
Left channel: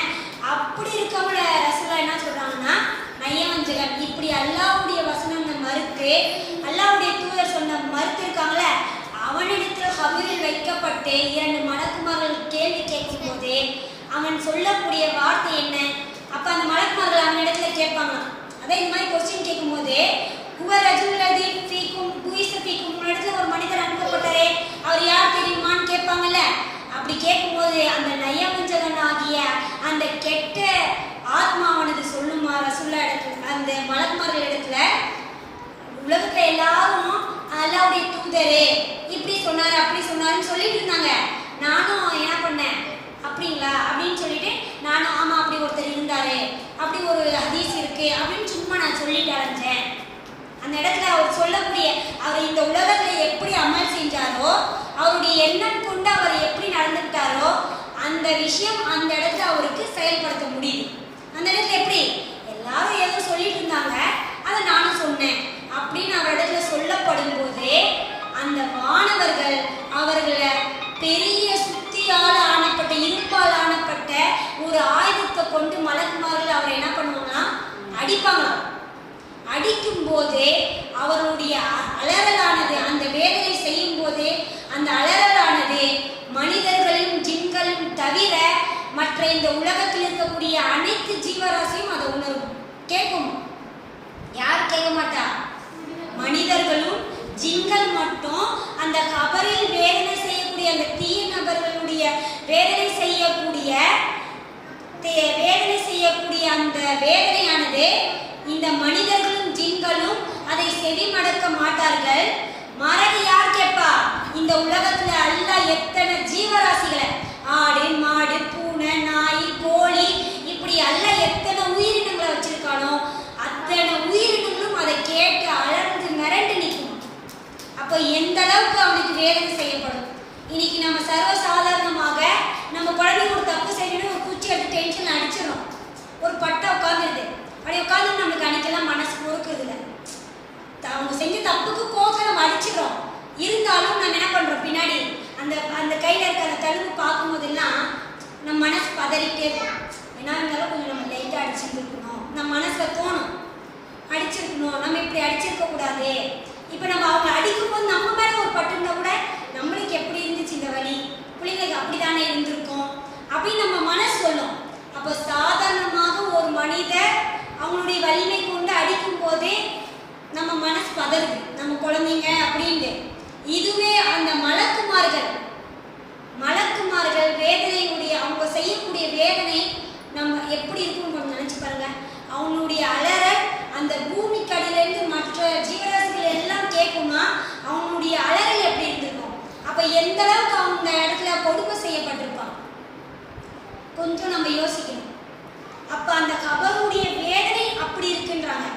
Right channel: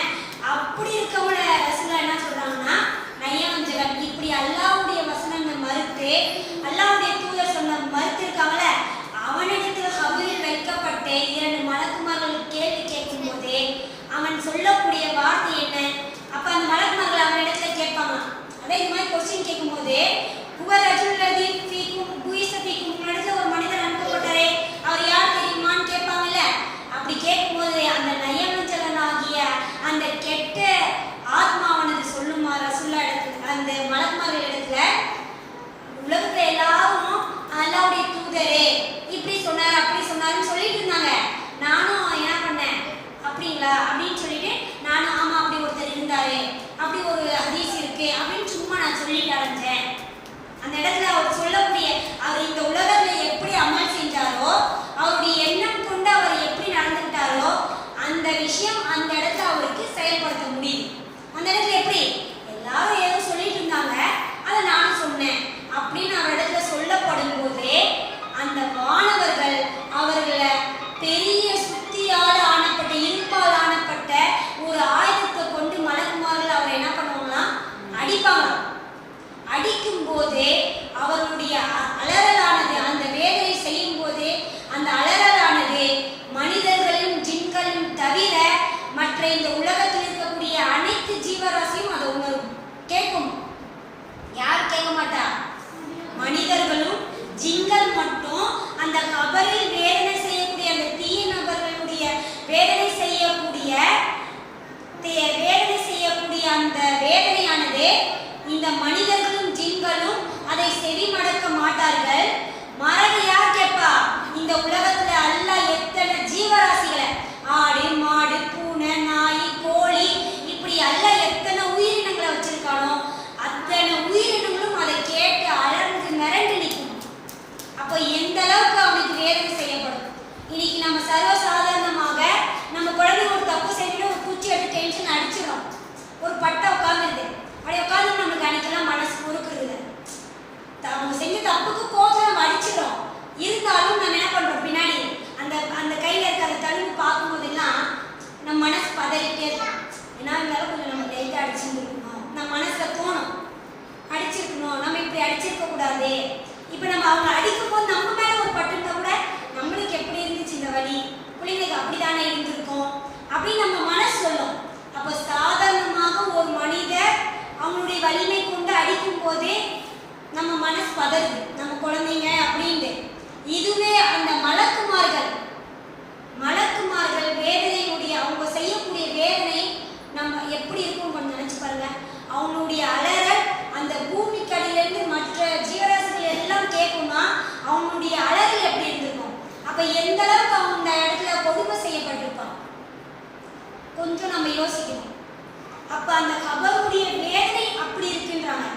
அப்படி இருக்கவங்கள ரசூலுல்லாஹ் என்ன சொல்றாங்கன்னா நயவஞ்சகன். இப்படி அல்லாஹ்வுடைய வசனங்களை மறுத்து அல்லாஹ்வுடைய தூதர் சொன்ன மறுத்து இருக்காங்களே, அவனிடத்தில் கபரில் வைக்கப்பட்டு 2 மலக்குமார்கள் கேள்வி கேட்கும் போது அவன் சொல்லக்கூடிய வார்த்தை என்ன, அப்ப அந்த மலக்குமார்கள் அவனிடத்துல கேட்பாங்க. அதான் இந்த மாதிரி கொஸ்டின் கேட்கும் போது இடத்துல ஒரு மனிதர் அனுப்பப்பட்டாரே அவர் யார் தெரியுமான்னு கேட்பாங்கல்ல. அப்படி கேட்கும்போது அந்த நயவஞ்சகன் ஆகிய அந்த கெட்ட ஆத்மாவனது சொல்லுமா ரசூலுல்லாஹ் இடத்துல, அந்த மலக்குமார்கள் இடத்துல, உலகத்துல எல்லாரும் அல்லாஹ்வுடைய தூதரே இப்படி சொன்னாரு அப்படி சொன்னாருன்னு சொல்லிட்டு இருந்தாங்க. நான் சொல்றீங்களா அப்படின்னு சொல்லிட்டு நானும் ஆமா அப்படி ஒருத்தர் இருந்தாரு, அப்படி ஒரு ஹதீஸ் இருக்கு அப்படின்னு சும்மா நான் சொல்லிட்டு அடைஞ்சேன். அந்த இடத்துல அவர் சொல்லக்கூடிய அவர் இந்த உலகத்துல எப்படி அமல் செஞ்சாரோ, அவருடைய எண்ணம் கொண்டு அவர் எப்படி நடந்துட்டாரோ அந்த விஷயம் அந்த இடத்துல அவருக்கு செயல்படுத்த முடியுது. அந்த இடத்துல எப்படி எல்லாரும் ஏதோ சொல்லிட்டு இருந்தாங்க, அதை நானும் சொன்னேன் அப்படின்னு அவர் இடத்துல சொல்லப்படும் போது அந்த மாணவர்கள் அவர்களை பெரிய சுத்தியால் ஆனப்பட்ட இருப்பால் ஆனப்பட்ட ஒரு ஆயுதத்தை கொண்டு மலக்குமார்கள் அவர் என்ன பண்ணுவாங்கன்னா அடிப்பாங்க. அடிக்கும் போதே அவருடைய அலறலானது அந்த வேலையை செய்யும் போதே அந்த அலறலானது மனிதர்களும் ஜின்களும் தவிர மற்ற இந்த உலகத்தில் இருக்கக்கூடிய அனைத்து ஜீவராசியும் அதை உணரும், கேட்கும். யார் கேட்க மாட்டா? மனிதர்களும் ஜின்கள் மட்டும் அந்த கபரில் வேதனை செய்யக்கூடிய அந்த தீய நபர்களுடைய வேதனை செய்யக்கூடிய அந்த வேதனையானது இந்த மனிதர்களும் ஜின்களும் அதை செவி மடக்க மாட்டார்கள். மறதி யார் கேட்பா? இந்த உலகத்துல அல்லாஹ் எத்தனை ஜீவராசிகளை ஆடு மாடு பூனை நாய் கோழி இப்படி அல்லாஹ் எத்தனை உயிரினங்களை வச்சிருக்கானோ அத்தனை உயிரினங்களும் அதை கேட்டு அலர்ந்து மிரண்டு நிற்கும். அப்போ எந்த அளவுக்கு அவனுக்கு வேதனை செய்யப்படும். இன்னைக்கு நம்ம சர்வசாதாரணமாக நம்ம குழந்தைங்க ஒரு தப்பு செய்யணும், ஒரு பூச்சி எடுத்து டென்ஷன் அடிச்சிடும், ஒரு பட்டை உட்காந்துருது, அப்படியே உட்காந்து நம்மளுக்கு அன்னைக்கெல்லாம் மனசு பொறுக்கிறது இல்லை. அவங்க செஞ்ச தப்புக்கு கோபம் நம்ம அடிச்சிடும். இருந்தாலும் நம்ம என்ன பண்றோம், பின்னாடி அந்த அந்த கையில இருக்க அந்த தழும்பு பார்க்கும் போதெல்லாம் நம்ம மனசு பதறிட்டே இருக்கும். என்ன இருந்தாலும் கொஞ்சம் நம்ம லைட்டாக அடிச்சிருக்கணும், நம்ம மனசுல தோணும் அடிச்சிருக்கணும், நம்ம இப்படி அடிச்சிருக்க கூடாது. இப்போ நம்ம அவங்க அடிக்கும் போது நம்ம மேல ஒரு பட்டுனா கூட நம்மளுக்கு எப்படி இருந்துச்சு இந்த வலி, பிள்ளைங்களுக்கு அப்படித்தானே இருந்திருக்கும் அப்படின்னு நம்ம மனசு சொல்லும். அப்போ சாதாரணமாக ஒரு மனிதர் அவங்களுடைய வலிமை கொண்டு அடிக்கும் போதே நம்ம மனசு பதறுது, நம்ம குழந்தைங்க அப்படின்ட்டு. இதுவே அந்த மலக்குமார்கள் வேதனையுடைய அவங்க செய்யக்கூடிய வேதனை நம்ம எப்படி இருக்கும் கொஞ்சம் நினைச்சு பாருங்க. அவங்களுடைய அலறல் அந்த பூமிக்கு அடியிலிருந்து மற்ற ஜீவராசிகள் எல்லாம் கேட்குமா, அவங்களுடைய அலறல் எப்படி இருந்திருக்கும். அப்ப எந்த அளவுக்கு அவங்க இடத்துல கொடுமை செய்யப்பட்டிருப்பான் கொஞ்சம் நம்ம யோசிக்கணும். அப்ப அந்த கபருடைய வேதனை அப்படி இருக்குன்றாங்க.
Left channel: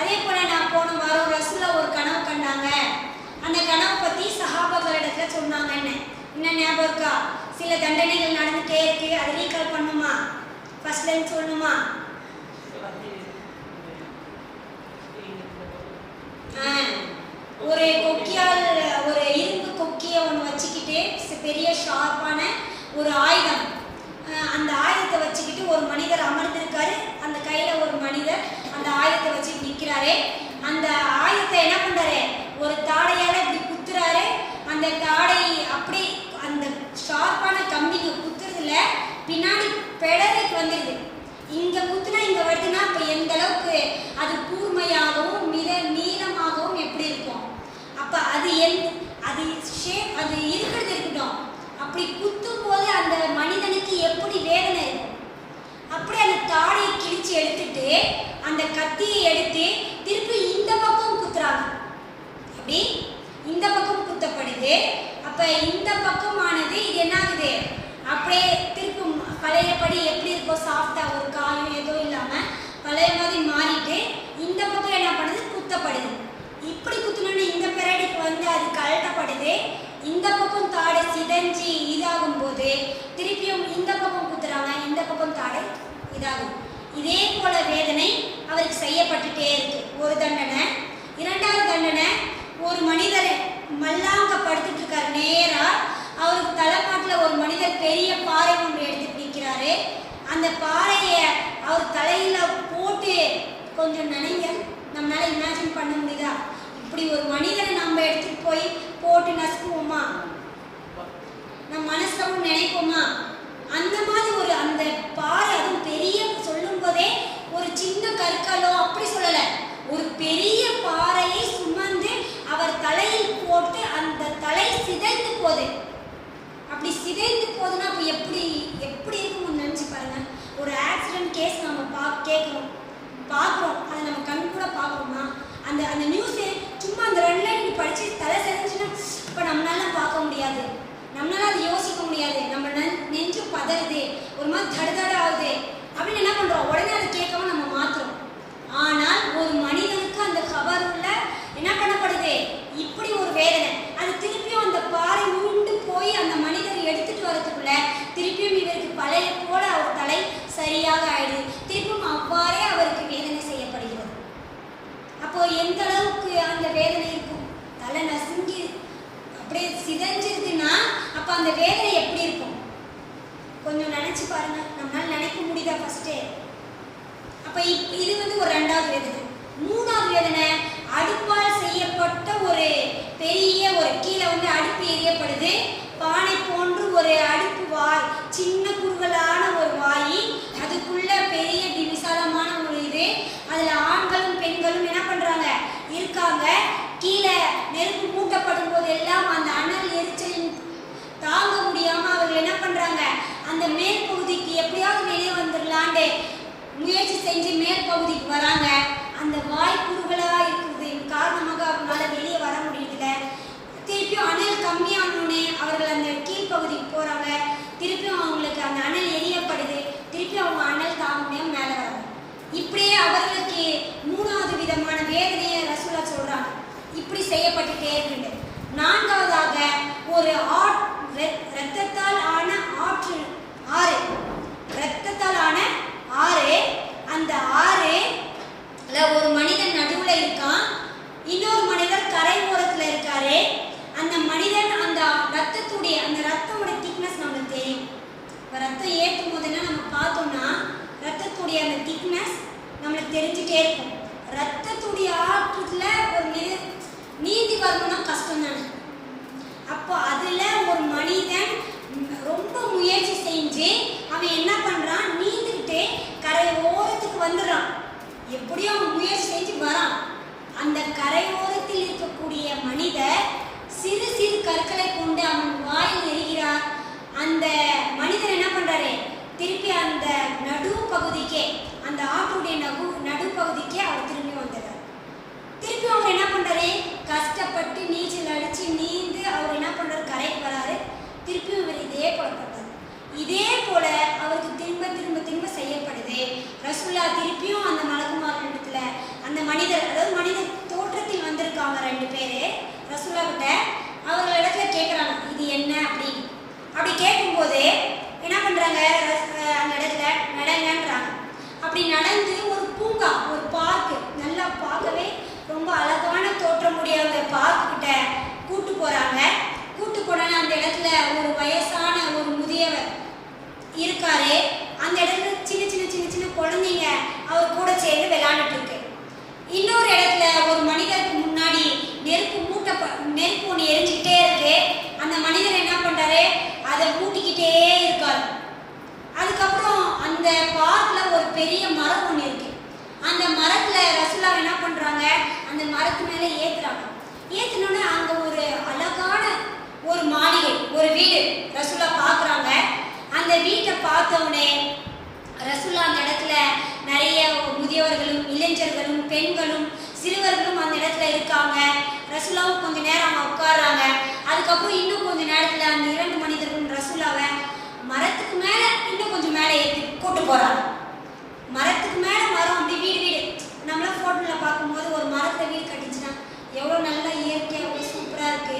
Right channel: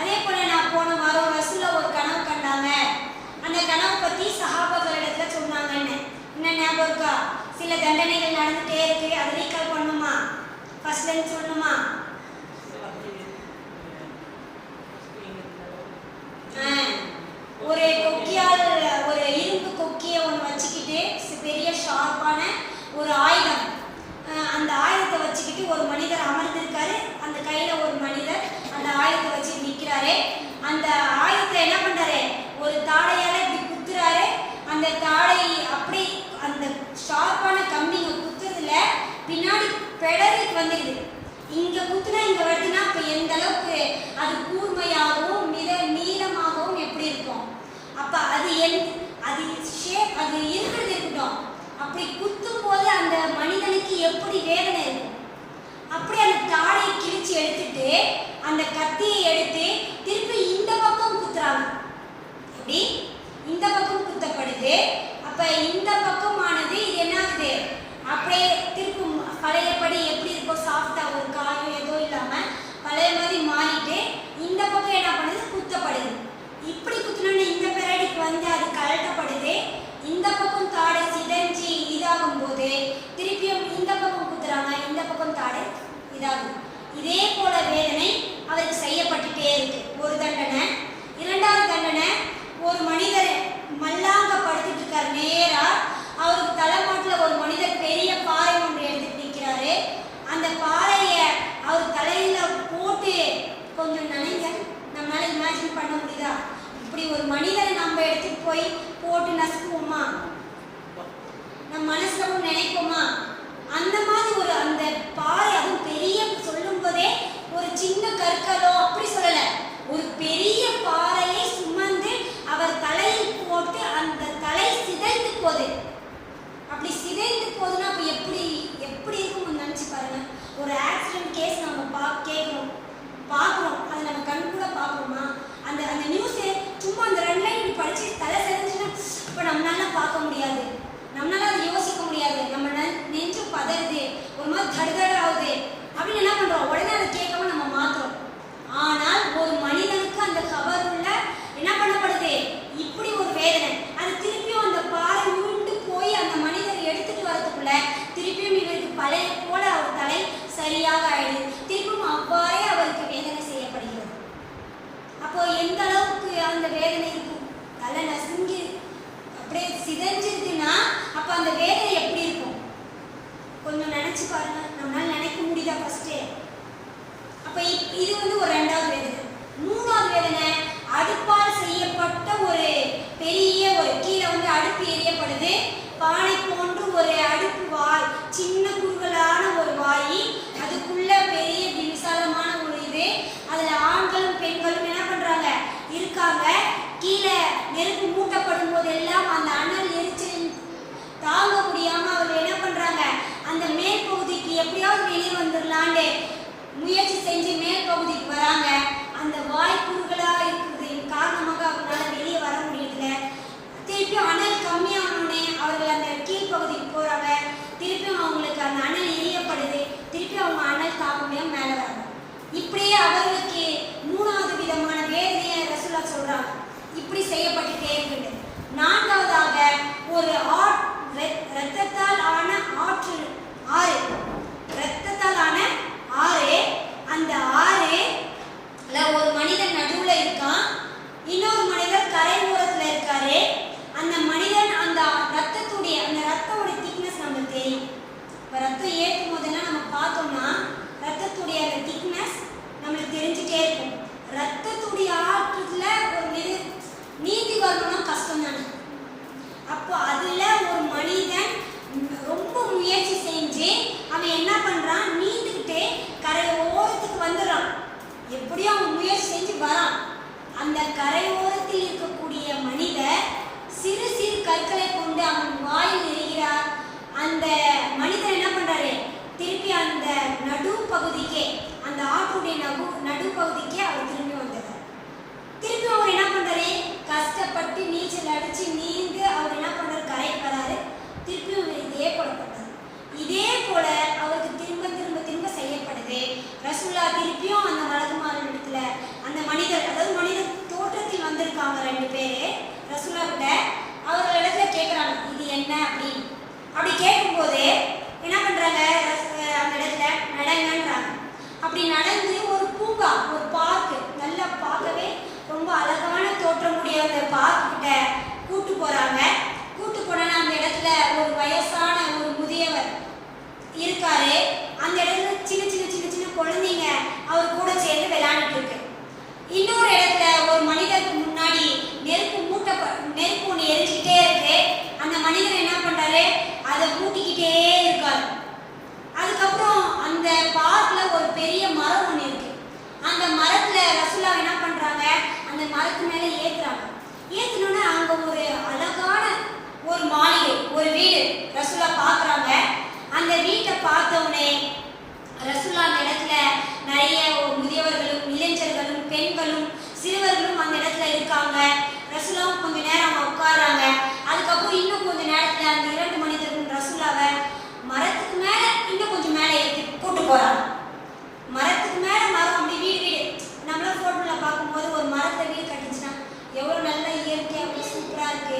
அதே போல நான் போன வாரம் ரசூலா ஒரு கனவு கண்டாங்க. அந்த கனவை பத்தி சஹாபாக்கள் இடத்துல சொன்னாங்கன்னு என்ன ஞாபகம் இருக்கா? சில தண்டனைகள் நடந்துட்டே இருக்கு, அதை ரீகால் பண்ணுமா? ஃபர்ஸ்ட்ல இருந்து சொல்லணுமா? ஒரு கொக்கியால் ஒரு இரும்பு கொக்கியை ஒன்று வச்சுக்கிட்டு பெரிய ஷார்ப்பான ஒரு ஆயுதம், அந்த ஆயுதத்தை வச்சுக்கிட்டு ஒரு மனிதர் அமர்ந்திருக்காரு. அந்த கையில ஒரு மனிதர் அந்த ஆயுதத்தை வச்சு நிற்கிறாரு. அந்த ஆயுதத்தை என்ன பண்றாரு, ஒரு தாடையால இப்படி குத்துறாரு. அந்த தாடை அப்படி அந்த ஷார்ப்பான கம்பிங்க குத்துறதுல பின்னாடி பெடலுக்கு வந்துடுது. இங்க குத்துனா இங்க வருதுன்னா அப்ப எந்த அளவுக்கு அது கூர்மையாகவும் நீளமாகவும் எப்படி இருக்கும். அப்ப அது அது இருக்கிறது இருக்கட்டும், அப்படி குத்தும் போது அந்த மனிதனுக்கு எப்படி வேதனை இருக்கும். அப்படி அந்த தாடையை கிழிச்சு எடுத்துட்டு அந்த கத்தியை எடுத்து திருப்பி இந்த பக்கம் குத்துறாங்க. அப்படி இந்த பக்கம் குத்தப்படுது. அப்ப இந்த பக்கமானது இது என்ன ஆகுது, அப்படியே திருப்பும் பழையபடி எப்படி இருக்கும், சாஃப்டா ஒரு காயம் ஏதோ இல்லாம பழைய மாதிரி மாறிட்டு இந்த பக்கம் என்ன பண்ணுது, குத்தப்படுது. இப்படி குத்துனோன்னு இந்த பெரடிக்கு வந்து அது கழட்டப்படுது. இந்த பக்கம் தாடை சிதைஞ்சி இதாகும் போது திருப்பியும் இந்த பக்கம் குத்துறாங்க, இந்த பக்கம் தாடை இதாகுது. இதே போல வேதனை அவருக்கு செய்யப்பட்டுட்டே இருக்கு. ஒரு தண்டனை. இரண்டாவது தண்டனை, ஒரு மனிதர் மல்லாங்க படுத்துட்டு இருக்காரு. நேரா அவருக்கு தலைமாட்டில் ஒரு மனிதர் பெரிய பாறை ஒன்று எடுத்துட்டு நிற்கிறாரு. அந்த பாறையை அவர் தலையில போட்டு கொஞ்சம் நினைங்க, நம்மளால இமேஜின் பண்ண முடியுதா? இப்படி ஒரு மனிதரை நம்ம எடுத்துட்டு போய் போட்டு நசுக்குவோமா? நம்ம மனசுல நினைப்போமா? அந்த மாதிரி ஒரு அந்த பாறை, அதுவும் பெரிய சொல்லும் போதே ஒரு சின்ன கற்களோ அப்படி சொல்லல, ஒரு பெரிய பாறையை சுமந்து அவர் தலையில் போட்டு அந்த தலை சிதைந்து போகுது. அப்படி சிதைந்து போகுதுன்னா அப்ப எப்படி இருக்கும் நினைச்சு பாருங்க. ஒரு ஆக்சிடென்ட் கேஸ் நம்ம பார்க்குறோம், அதை நம்ம கண் கூட பார்க்குறோமா? அந்த நியூஸ் சும்மா அந்த 2 லைன் படிச்சு தலை சிதைச்சுன்னா இப்போ நம்மளால பார்க்க முடியாது. நம்மளால அதை யோசிக்க முடியாது. நம்ம நெஞ்சு பதறுது, ஒரு மாதிரி தடுதட ஆகுது அப்படின்னு என்ன பண்றோம், உடனே அதை கேட்காம நம்ம மாத்துறோம். ஆனால் ஒரு மனிதனுக்கு அந்த கபருள்ள என்ன பண்ணப்படுது, இப்படி ஒரு வேதனை. அது திருப்பியும் அந்த பாறை உருண்டு போய் அந்த மனிதர் எடுத்துட்டு வரதுக்குள்ள திருப்பியும் இவருக்கு பழைய போல அவர் தலை சரியாக ஆயிடுது. திருப்பியும் அவ்வாறே அவருக்கு வேதனை செய்யப்படுகிறது. அப்போ எந்த அளவுக்கு அந்த வேதனை இருக்கும், தலை நசுங்கி அப்படியே சிதைஞ்சிருதுன்னா அப்ப அந்த வேதனை எப்படி இருக்கும் கொஞ்சம் நினைச்சு பாருங்க. நம்மளால நினைக்க முடியுதா ஃபர்ஸ்ட்? அப்ப இது ஒரு ரெண்டாவது வேதனை. மூணாவது வேதனை, அடுப்பால் செய்யப்பட்ட ஒரு பெரிய ஒரு கீழே அடுப்பு எரியப்படுது. பானை போன்று ஒரு அடுப்பு வாய், சின்ன குறுகலான ஒரு வாய், அதுக்குள்ள பெரிய விசாலமான ஒரு இது, அதுல ஆண்களும் பெண்களும் என்ன பண்றாங்க இருக்காங்க. கீழே நெருப்பு மூட்டப்படும் போது எல்லாம் அந்த அனல் எரிச்சலின் தாங்க முடியாம அவர்கள் என்ன பண்றாங்க, அந்த மேல் பகுதிக்கு எப்படியாவது வெளியே வந்துடலான்னு முயற்சி செஞ்சு மேல் பகுதிக்கு வராங்க. அந்த வாய் குறுகலா இருக்குது காரணமாக அவங்களால வெளியே வர முடியல. திருப்பியும் அனல் கம்மியானோடனே அவர்கள் அந்த கீழ்ப்பகுதிக்கு போறாங்க. திருப்பியும் அவங்களுக்கு அந்த அனல் எரியப்படுது. திருப்பியும் அவங்க அனல் தாங்க முடியாம மேலே வராங்க. இப்படியே அவர்களுக்கு மூணாவது விதமான வேதனையை ரசூலா சொல்றாங்க. இப்படி செய்யப்பட்டுட்டே இருக்குது. நான்காவதாக ஒரு இரத்தத்தால் ஆன ஆறு, இரத்தத்தால் ஆன ஆறு. அந்த ஆறுல ஒரு மனிதன் நடுவுல இருக்கான், இன்னொரு மனிதர் கரை ஓரத்துல இருக்காரு. அந்த மனிதன் அந்த ரத்தத்தோட திக்னஸ் நமக்கு தெரியும். இப்போ ரத்தம் ஏற்றும் போதெல்லாம் நம்ம பார்த்தோம்னா ரத்தத்துடைய அந்த திக்னஸ் நம்மளுக்கு தெரிஞ்சுட்டே இருக்கும். ரத்தத்துடைய ஆற்றுல ஒரு நீந்தி வரணும்னா கஷ்டம் தானே. அப்போ அதுல ஒரு மனிதன் ரொம்ப முயற்சி செஞ்சு அவன் என்ன பண்றான், நீந்துக்கிட்டே கரை ஓரத்துக்கு வந்துடுறான். எப்படியும் அவன் முயற்சி செஞ்சு வரான். அந்த கரை ஓரத்தில் இருக்கக்கூடிய மனிதர் சிறு சிறு கற்களை கொண்டு அவன் வாயில் எறிகிறார். அந்த மனிதர் என்ன பண்றாரு, திருப்பி அந்த நடுப்பகுதிக்கே, அந்த ஆட்டுடைய நடுப்பகுதிக்கே அவர் திரும்பி வந்துடுறார். திருப்பி அவர் என்ன பண்றாரு, கஷ்டப்பட்டு நீச்சல் அடிச்சு நீந்து அவர் என்ன பண்றாரு, கரைக்கு வராரு. திருப்பி அவர் இதே போல பண்றாரு. இதே போல அவருக்கு திரும்ப திரும்ப திரும்ப செய்யப்படுது. ரசூலா திருப்பியும் அந்த மலக்குமாரன் இடத்துல அந்த மனிதர், அதாவது மனிதர் தோற்றத்தில் வந்திருக்காங்க 2 பேரு ரசூலா கிட்ட. அவர்கள் இடத்துல கேட்குறாங்க இது என்ன அப்படின்னு. அப்படி கேட்கும்போது என்ன பண்றாங்க, அந்த இடத்துல நடங்கன்றாங்க. அப்படி நடந்து ஒரு பூங்கா, ஒரு பார்க்கு, நல்லா பார்க்கவே ரொம்ப அழகான தோற்றமுடைய அந்த பார்க் கிட்ட கூட்டு போறாங்க. கூட்டு போனால அந்த இடத்துல ஒரு வயசான ஒரு முதியவர் இருக்காரு. அந்த இடத்துல சின்ன சின்ன சின்ன சின்ன குழந்தைங்க அவர் கூட சேர்ந்து விளையாண்டுட்டு இருக்கு. இன்னொரு இடத்துல ஒரு மனிதருக்கு முன்னாடி நெருப்பு ஒன்று எரிஞ்சுக்கிட்டே இருக்கு. அந்த மனிதர் என்ன பண்றாரு, அதை மூட்டிக்கிட்டே இருக்காரு. அதுக்கப்புறம் அந்த பார்க்ல ஒரு பெரிய மரம் ஒன்று இருக்கு. அந்த மரத்துல ரசூலா என்ன பண்றாங்க, அந்த மரத்து மேல ஏத்துறாங்க. ஏத்துனோன்னா அங்க ஒரு அழகான ஒரு மாளிகை, ஒரு வீடு ரசூலா பாக்குறாங்க. அந்த வீட்டை பார்த்த உடனே ரசூலா அந்த இடத்துல நிறைய முதியவர்களும் இளைஞர்களும் பெண்களும் சிறுவர்களும் அந்த இடத்துல இருக்காங்க. ரசூலாவும் கொஞ்ச நேரம் அவங்க உட்கார்றாங்க. அதுக்கப்புறம் இன்னும் கொஞ்ச நேரத்துல அந்த 2 மனிதர்களும் ரசூலாவை மரத்துக்கு மேல இன்னும் கொஞ்சம் மேலே ஏற்றி கூட்டு போறாங்க. மரத்துக்கு மேல மரம், அப்படி வீடு நம்மளாம் போட்டோல பார்க்கும்போது ஒரு மரத்தை வீடு கட்டிச்சுன்னா எவ்வளோ நல்ல இயற்கையாக எவ்வளோ சூப்பராக இருக்கு.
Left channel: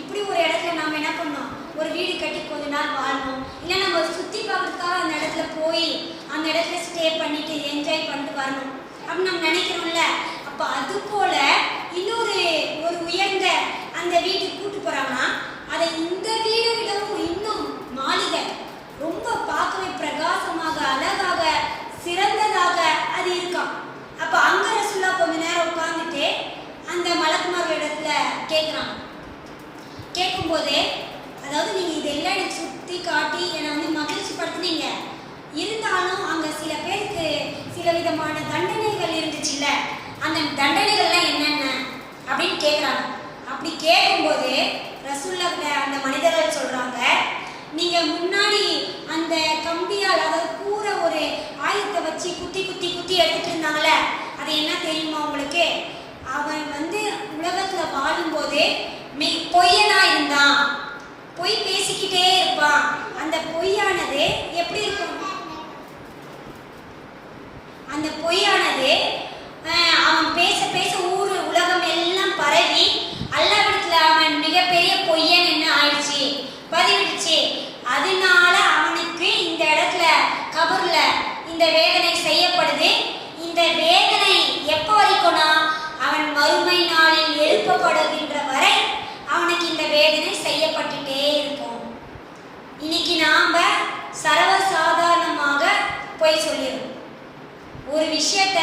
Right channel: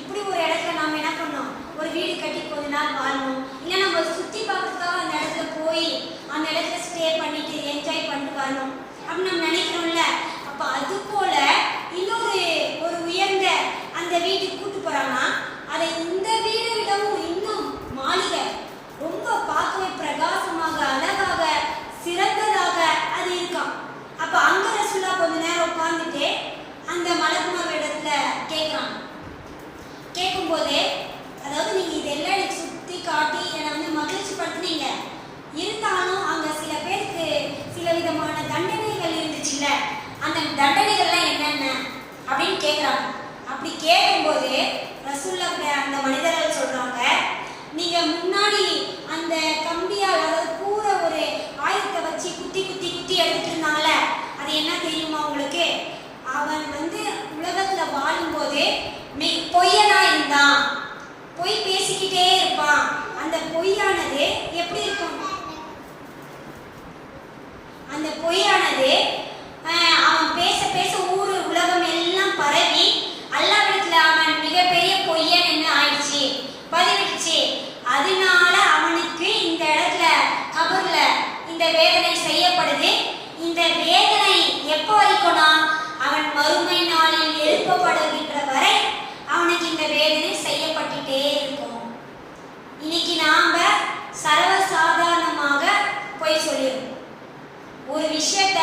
இப்படி ஒரு இடத்துல நம்ம என்ன பண்ணோம், ஒரு வீடு கட்டி கொஞ்ச நாள் வாழணும். இல்லை நம்ம சுற்றி பார்க்கறதுக்காக அந்த இடத்துல போய் அந்த இடத்துல ஸ்டே பண்ணிட்டு என்ஜாய் பண்ணிட்டு வரணும் அப்படின்னு நம்ம நினைக்கிறோம்ல. அப்போ அது போல இன்னொரு உயர்ந்த அந்த வீட்டுக்கு கூட்டு போறாங்கன்னா அதை இந்த வீடு விடவும் இன்னும் மாளிகை ரொம்ப பார்க்கவே பிரகாசமாக அழகாக சிறந்ததாக அது இருக்காம். அப்போ அங்க ரசூலா கொஞ்ச நேரம் உட்கார்ந்துட்டு அந்த மலக்குமார் இடத்துல கேட்குறாங்க. கேட்கும்போதே, அதாவது நீங்கள் இதெல்லாம் எனக்கு சுற்றி காட்டி என்னை மகிழ்ச்சி படுத்துனீங்க, இருந்தாலும் அங்கே சில பேருக்கு சில விதமான தண்டனைகள் இருந்துச்சுல்ல, அந்த தண்டனைகள்லாம் என்னென்ன அப்படின்னு கேட்குறாங்க. அப்படி கேட்கும்போது ரசூல்லா அந்த மனிதர்கள் சொல்கிறாங்க, நீங்கள் முன்னாடி அந்த கம்பியால், அதாவது கூற ஒரு ஆயுதத்தை வச்சு குத்தி குத்தி குத்தி எடுத்துட்டு இருந்தாங்களே, அது என்ன தெரியுமா உங்களுக்கு? அவன் உலகத்தில் வாழும்போது பொய்யனா இருந்தான். பொய் பேசிக்கிட்டே இருப்பான். அந்த பொய்யானது எப்படி இருக்கும்? அந்த பொய்யானது அவன் பேச பேச ஊரு உலகம் எல்லாம் பரவி அல்லாஹ்விடத்துல அவன் மிகப்பெரிய பொய்யன் என்ன ஆயிடுச்சு, பதிவிடுச்சு. அதனால அவனுக்கு இந்த இடத்துல கபர்ல இந்த வேதனை செய்யப்படுது. இந்த வேதனை எப்போ வரைக்கும்னா அவன் மறுமை நாளில் எழுப்பப்படுகின்ற வரை அவனுக்கு இந்த வேதனை செய்யப்பட்டுட்டே இருக்கும். இன்னைக்கு நாம சர்வசாதாரணமாக பொய் சொல்லிடுறோம். ஒரு விஷயத்த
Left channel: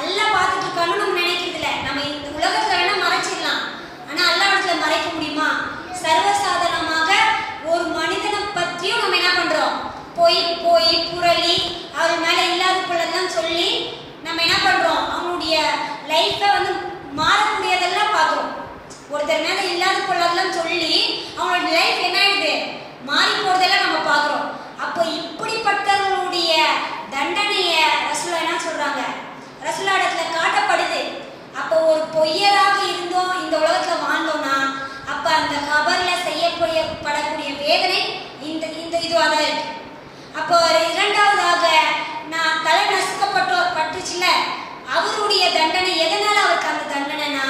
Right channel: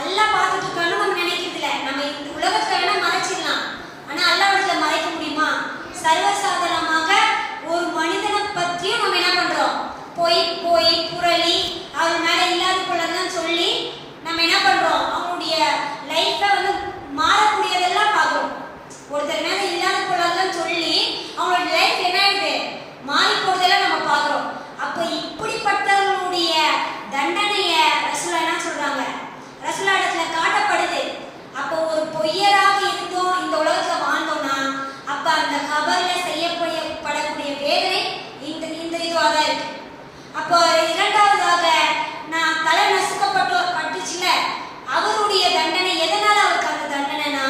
அல்லாஹ் பார்த்துட்டு இருக்கான்னு நம்ம நினைக்கிறது இல்லை. நம்ம இந்த உலகத்துல வேணா மறைச்சிடலாம், ஆனா அல்லாஹ்விடத்துல மறைக்க முடியுமா? சர்வசாதாரணமாக ஒரு மனிதனை பற்றியும் நம்ம என்ன பண்றோம்? பொய் பொய் புரளி அவர் மேல இல்லாத பொருளெல்லாம் சொல்லி நம்ம என்ன பண்றோம்? அவங்களுடைய லைஃப்பை வந்து மாறக்கூடியதெல்லாம் பார்க்குறோம். ஒருத்தர் மேல இல்லாத பொருளெல்லாம் சொல்லி அவங்களோட லைஃப் என்ன ஆயிடுது, மாறி போறதெல்லாம் நம்ம பார்க்குறோம். அப்போ இப்படிப்பட்டவர்களுடைய தண்டனைய ரசூலா என்ன சொல்றாங்க? ரசூலா இடத்துல காட்டப்படுது. அப்போ ஒரு பொய்யராக இருந்தோம் இந்த உலகத்துல வாழ்ந்தோம்னா அப்ப அந்த கபர்ல செய்யப்படக்கூடிய வேதனை இந்த இதுவாக தான் இருக்கு. அப்போ இரண்டாவதாக நான் தலை நசுக்கப்பட்டுச்சுல, அவருடைய தண்டனை எதனால அவருக்கு அந்த தண்டனைனா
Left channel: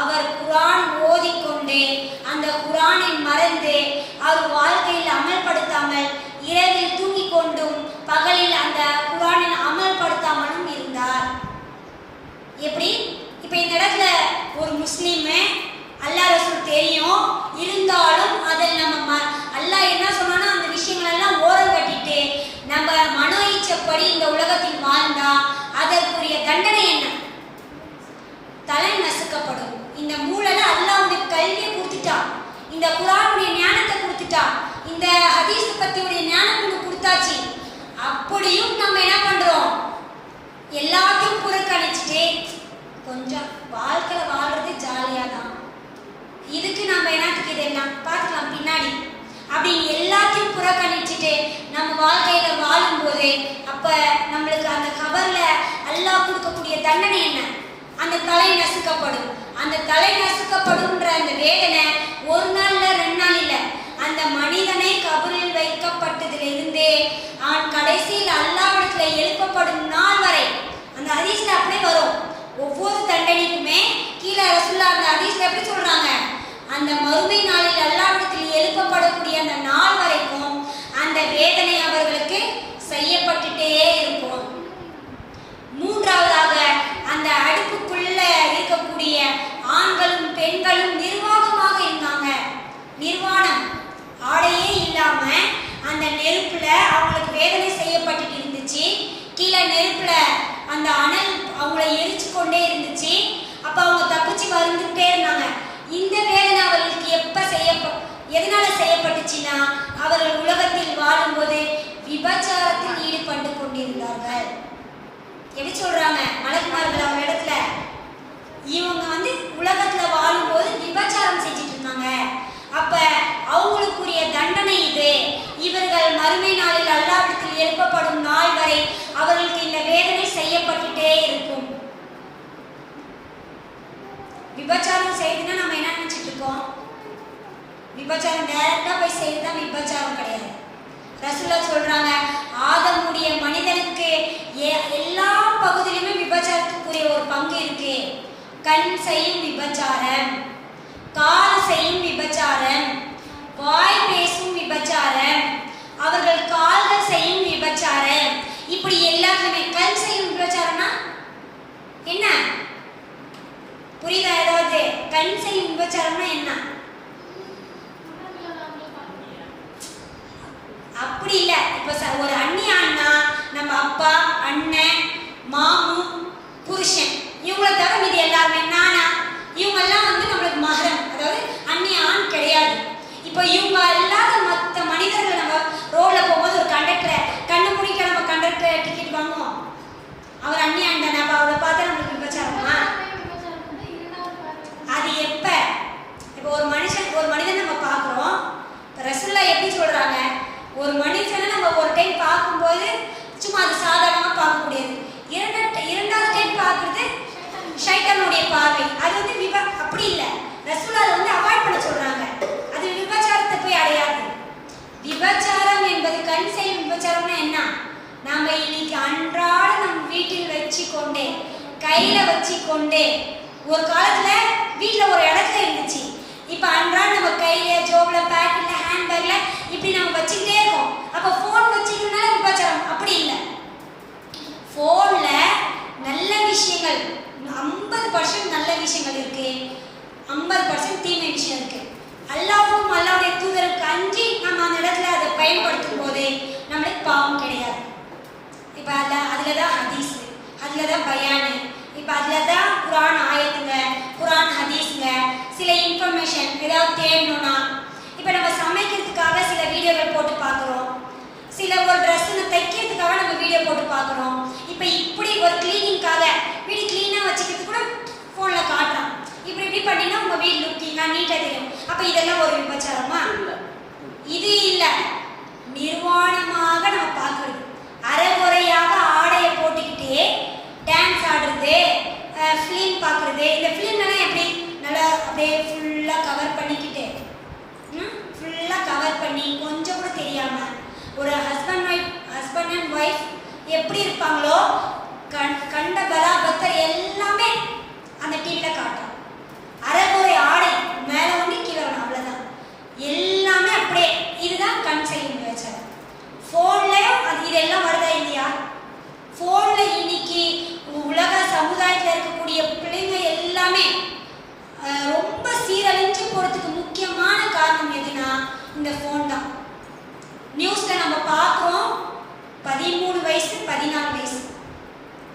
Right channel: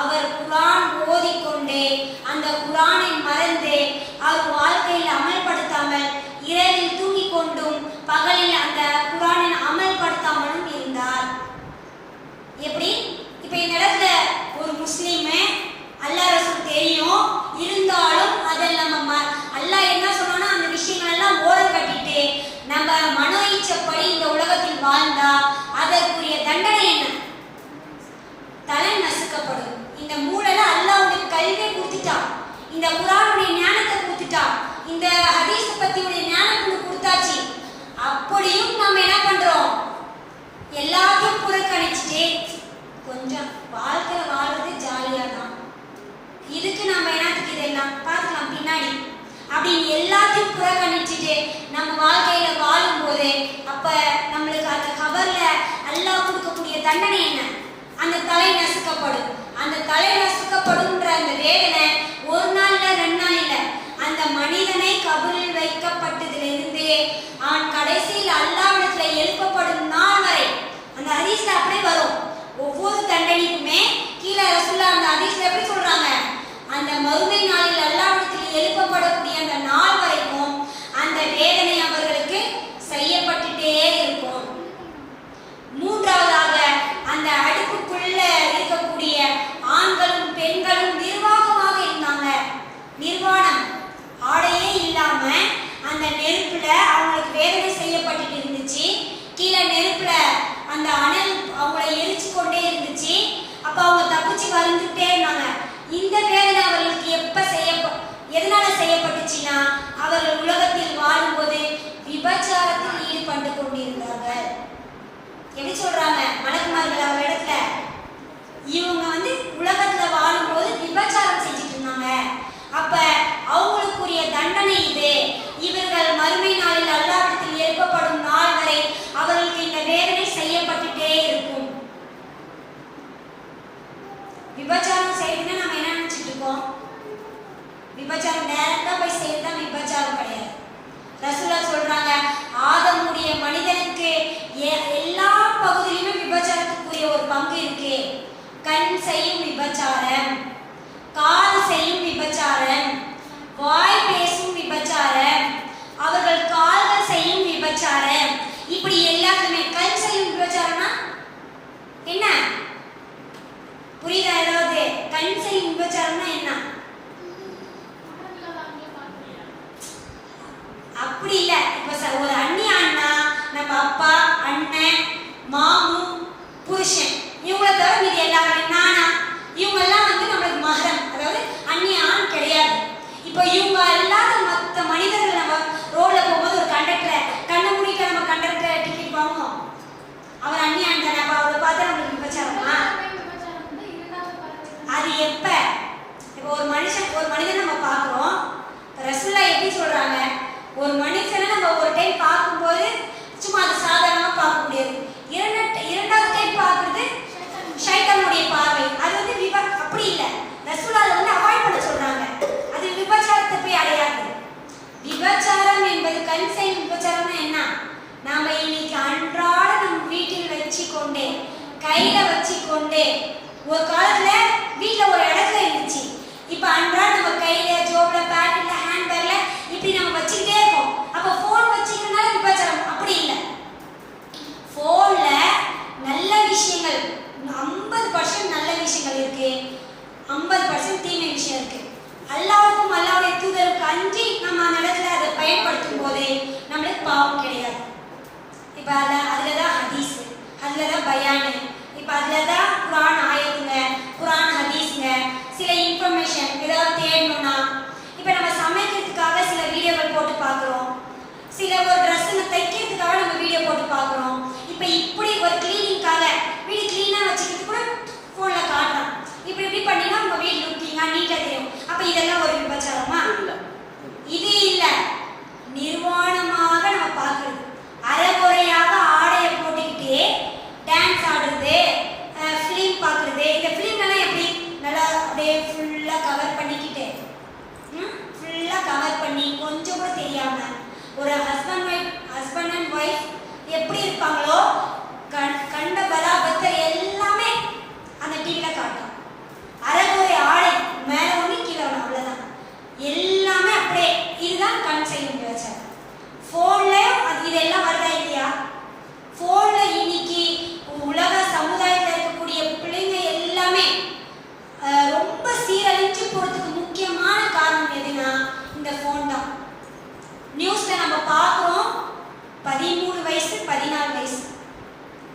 அவர் குர்ஆன் ஓதிக்கொண்டே அந்த குர்ஆனை மறந்து அவர் வாழ்க்கையில் அமல்படுத்தாமல் இரவில் தூங்கிக் கொண்டும் பகலில் அந்த குர்ஆனை அமல்படுத்தாமலும் இருந்தார். எப்படி? இப்போ இந்த இடத்துல ஒரு முஸ்லீமு அல்லாஹ் ரசூல் தெரியும், இருந்தாலும் அதில் நம்ம அல்லாஹ் என்ன சொல்லணும் அந்த விஷயங்கள் எல்லாம் ஓரம் கட்டிட்டு நம்ம மனோ இச்சப்படி இந்த உலகத்தில் வாழ்ந்தா அதற்குரிய தண்டனை என்ன? தலை நசுக்கப்படும். இந்த மூளைல அல்லாஹ் உனக்கு கல்வியை கொடுத்துட்டான், இந்த குர்ஆனுடைய ஞானத்தை கொடுத்துட்டான், இந்த ஹதீஸ் பத்தியுடைய ஞானத்தை கொடுத்தாச்சு. அப்படியும் நம்ம என்ன பண்றோம்? எல்லாத்தையும் புறக்கணிச்சுட்டு கொஞ்சம் வாழ்க்கையில வாழ்றது ஜாலியா தான், இதுக்கு நம்ம என்னத்துக்கு இதெல்லாம் பார்க்கலாம் பின்னாடி அப்படின்னு எல்லாத்தையும் புறக்கணிச்சுட்டு நம்ம வாழ்க்கையில வாழும்போது அப்ப நம்மளுக்கு அந்த கபர்ல அல்லாஹ் கொடுக்கக்கூடிய தண்டனை என்ன? அந்த தலை நசுக்கப்படும். அந்த தலை நசுக்கப்படும்ன்ற அந்த வேதனை ஒரு நாள்ல 2 நாள் இல்லை. அந்த மனிதனை கபரில் வைக்கப்பட்டதிலிருந்தே அவன் கடைசியில் அல்லாஹ்விடத்துல எழுப்பப்படும் நாள் வரை அந்த ஹதீஸ்ல அப்படியே வரும். ஒவ்வொரு தண்டனைக்குமே கீழே ரசூலுல்லாஹ் அந்த ஹதீஸ்ல எப்படி சொல்றாங்க? அந்த மறுமை நாளில் அல்லாஹ்விடத்தில் எழுப்பப்படக்கூடிய அந்த நாள் வரைக்கும் அந்த வேதனை அவர்களுக்கு செய்யப்பட்டுட்டே இருக்கும். மூன்றாவதாக அந்த அடுப்புக்குள்ள இருக்கக்கூடிய ஆண்களும் பெண்களும் நிர்வாகமாக இருந்தாங்க. நிர்வாணம், ஆடையே இல்லாம அந்த நெருப்புல அவங்களுக்கு வேதனை செய்யப்பட்டுட்டு இருந்துச்சு. கீழே நெருப்புல அந்த அனல் அவங்களை எரிச்சு கொண்டே இருந்துச்சு. அப்ப அவங்க தப்பிச்சு வந்துட்டே இருந்தாங்க. இந்த வேதனை அவர்களுக்கு எதனால செய்யப்பட்டுச்சுன்னா அவர்கள் உலகத்தில் வாழும்போது விபச்சாரத்தில் ஈடுபட்டு கொண்டிருந்தார்கள். எப்படி சொல்றாங்க மலக்குமார்கள் அவர் இடத்துல? இவங்க வந்து உலகத்துல வாழும்போது விபச்சாரம் செஞ்சுட்டு இருந்தாங்க. அப்ப அவங்களுக்குரிய தண்டனை இது. இவர்கள் மறுமை நாளில் அல்லாஹ்விடத்தில் எழுப்பப்படும் நாள் வரை அவர்களுக்கு இந்த வேதனை செய்யப்பட்டுட்டே இருக்கும். விபச்சாரம் செய்யணும்னா நம்ம என்ன நினைச்சிட்டு இருக்கோம்? விபச்சாரம் நேரத்தா போய் செய்யறதுதான் விபச்சாரம் கிடையாது. ரசூலா சொல்றாங்க ஆதமுடைய மனிதனுக்கு எல்லா பகுதியிலுமே விபச்சாரத்துக்குரிய ஒரு பங்கு இருக்கு. கண் செய்யும் விபச்சாரம், கால் செய்யும் விபச்சாரம், வாய் பேசும் விபச்சாரம், அவர்கள் கால்கள் செய்யும் விபச்சாரம், இப்படி எல்லாத்துலயுமே கண் செய்யும் விபச்சாரம்னா என்ன புரியுதா? ஏதாவது கண் செய்யும் விபச்சாரம்னா என்ன? அப்படி இல்ல. இப்ப ஒரு அண்ணியான்னா நம்ம அப்பா, அண்ணன், மாமு, புருஷன் இவங்கள தவிர இது எல்லாருமே நானா இவங்க எல்லாம் வந்து நம்மளுக்கு மகரம், அதாவது அந்நியான் கிடையாது. இப்போ இவங்க இல்லாத மற்ற மனிதர்கள் நம்ம ரோட்ல போகும்போது ஒரு கண்டக்டர் கண்ணு முடிக்க நம்ம கண்டக்டர் டிக்கெட் வாங்குவோம், அவர் அந்நியான் தானே. அப்ப அவரை பார்த்தா நம்மளுக்கு விபச்சாரமா? அது எப்ப? இப்போ ஒரு மனிதன் நம்ம பார்க்குறோம். ரசூலுல்லா எப்படி சொல்றாங்க? ஒரு மனுஷனை நம்ம ஒரு டைம் பார்க்கும்போது சும்மா அது சாதாரணமா பார்க்க முடியாது. இரண்டாவது டைம் பார்க்கறது ஷைத்தானுடைய பார்வை. அது வந்து அப்படி இல்லை. ரசூலுல்லா வந்து அவாய்ட் பண்ண சொல்றாங்க. அது விபச்சாரத்தை போய் அடையாது. விபச்சாரம் என்பது கண் செய்யும் விபச்சாரம்னா என்ன? நாம இன்னைக்கு அன்றாட நம் வீட்டில் வச்சுக்கொண்டே கையில வச்சுக்கொண்டே, ஒரு காலத்துல வீட்டுல ஒரு இடத்துல இருந்துச்சு, இப்ப அன்றாட நம்ம கையில ஜோப்ல பேக்கெட்ல ஹேண்ட்பேக்ல இப்படி நம்ம வச்சுக்கிட்டே இருக்கோம். அப்ப போன் வச்சுக்கிறதுனால விபச்சாரம் அப்படி இல்லை. போன்ல நல்ல விஷயங்கள் 50% நல்ல விஷயங்கள் இருக்கு, 50% தீமை விஷயம் இருக்கு. அல்லாஹ்வும் அல்லாஹ்வுடைய தூதருக்கு அஞ்சி நம்ம அந்த இடத்துல அதை பயன்படுத்தும் போது நம்மளுக்கு பாவம் கிடையாது. இப்ப அதுலதான் ஹதீஸ், அதுலதான் பயானு, இப்ப அதுலதான் குர்ஆன் ஆயத்துங்க, குர்ஆன் ஹதீஸ்ங்க, சில இன்ஃபர்மேஷன் ஏதாவது தேடணும்னா, இப்ப நம்ம சமைக்கிறதுக்காக சில வீடியோக்கள் போட்டு பார்க்குறோம், சில ஒரு ட்ரெஸ் தைக்கிறதுக்காக நம்ம வீடியோ போட்டு பார்க்குறோம். இப்ப இப்படி ஒரு கிளீனிங்காக வீடு கிளீனா வச்சுக்கிறது கூட போன்ல காட்டுறான். இப்படி பண்ணினா உங்க வீடு லுக்கிங்கா நீட்டா தெரியும். அப்ப இதெல்லாம் ஒரு விபச்சாரமா? இது இல்ல. நிர்வாணமாக நம்ம பார்க்கிறது, அரைகுறையாக ஆடையை போட்டுக்கிட்டே டான்ஸ் ஆடுறது, ஃபிலிம் பார்க்குறது. இந்த ஃபிலிம்லாம் எப்படி நல்லா அப்படியே ஃபுல்லாக கவர் பண்ணிக்கிட்டு ஃபுல்லாக கவர் பண்ணி கொஞ்சம் கூட தெரியாம ஒரு ஹஸ்பண்ட் அண்ட் ஒய்ஃப் எப்படி இருப்பாங்களோ கண்ட பராபத்தர் எல்லாமே அந்த டிவியில் காட்டும். அரைகுறை ஆடை மேலே ஒன்று கீழே ஒன்று, அவ்வளோதான், எல்லாமே அப்படியே. இதுதான் கண் செய்யும் விபச்சாரம். ஃபோன்லேயும் அது இதெல்லாம் வருதா இல்லையா? ஃபோனில் இன்னைக்கு உலக சமுதாயத்தில் இருக்கக்கூடிய பிள்ளைங்க எல்லாமே ரொம்ப சீரழிஞ்சு போகிறதுக்கு முக்கியமான காரணம் எதுனா இந்த ஃபோன் தான். நியூஸில் நம்ம பார்க்குறோம், 13 வயசு 14 வயசு,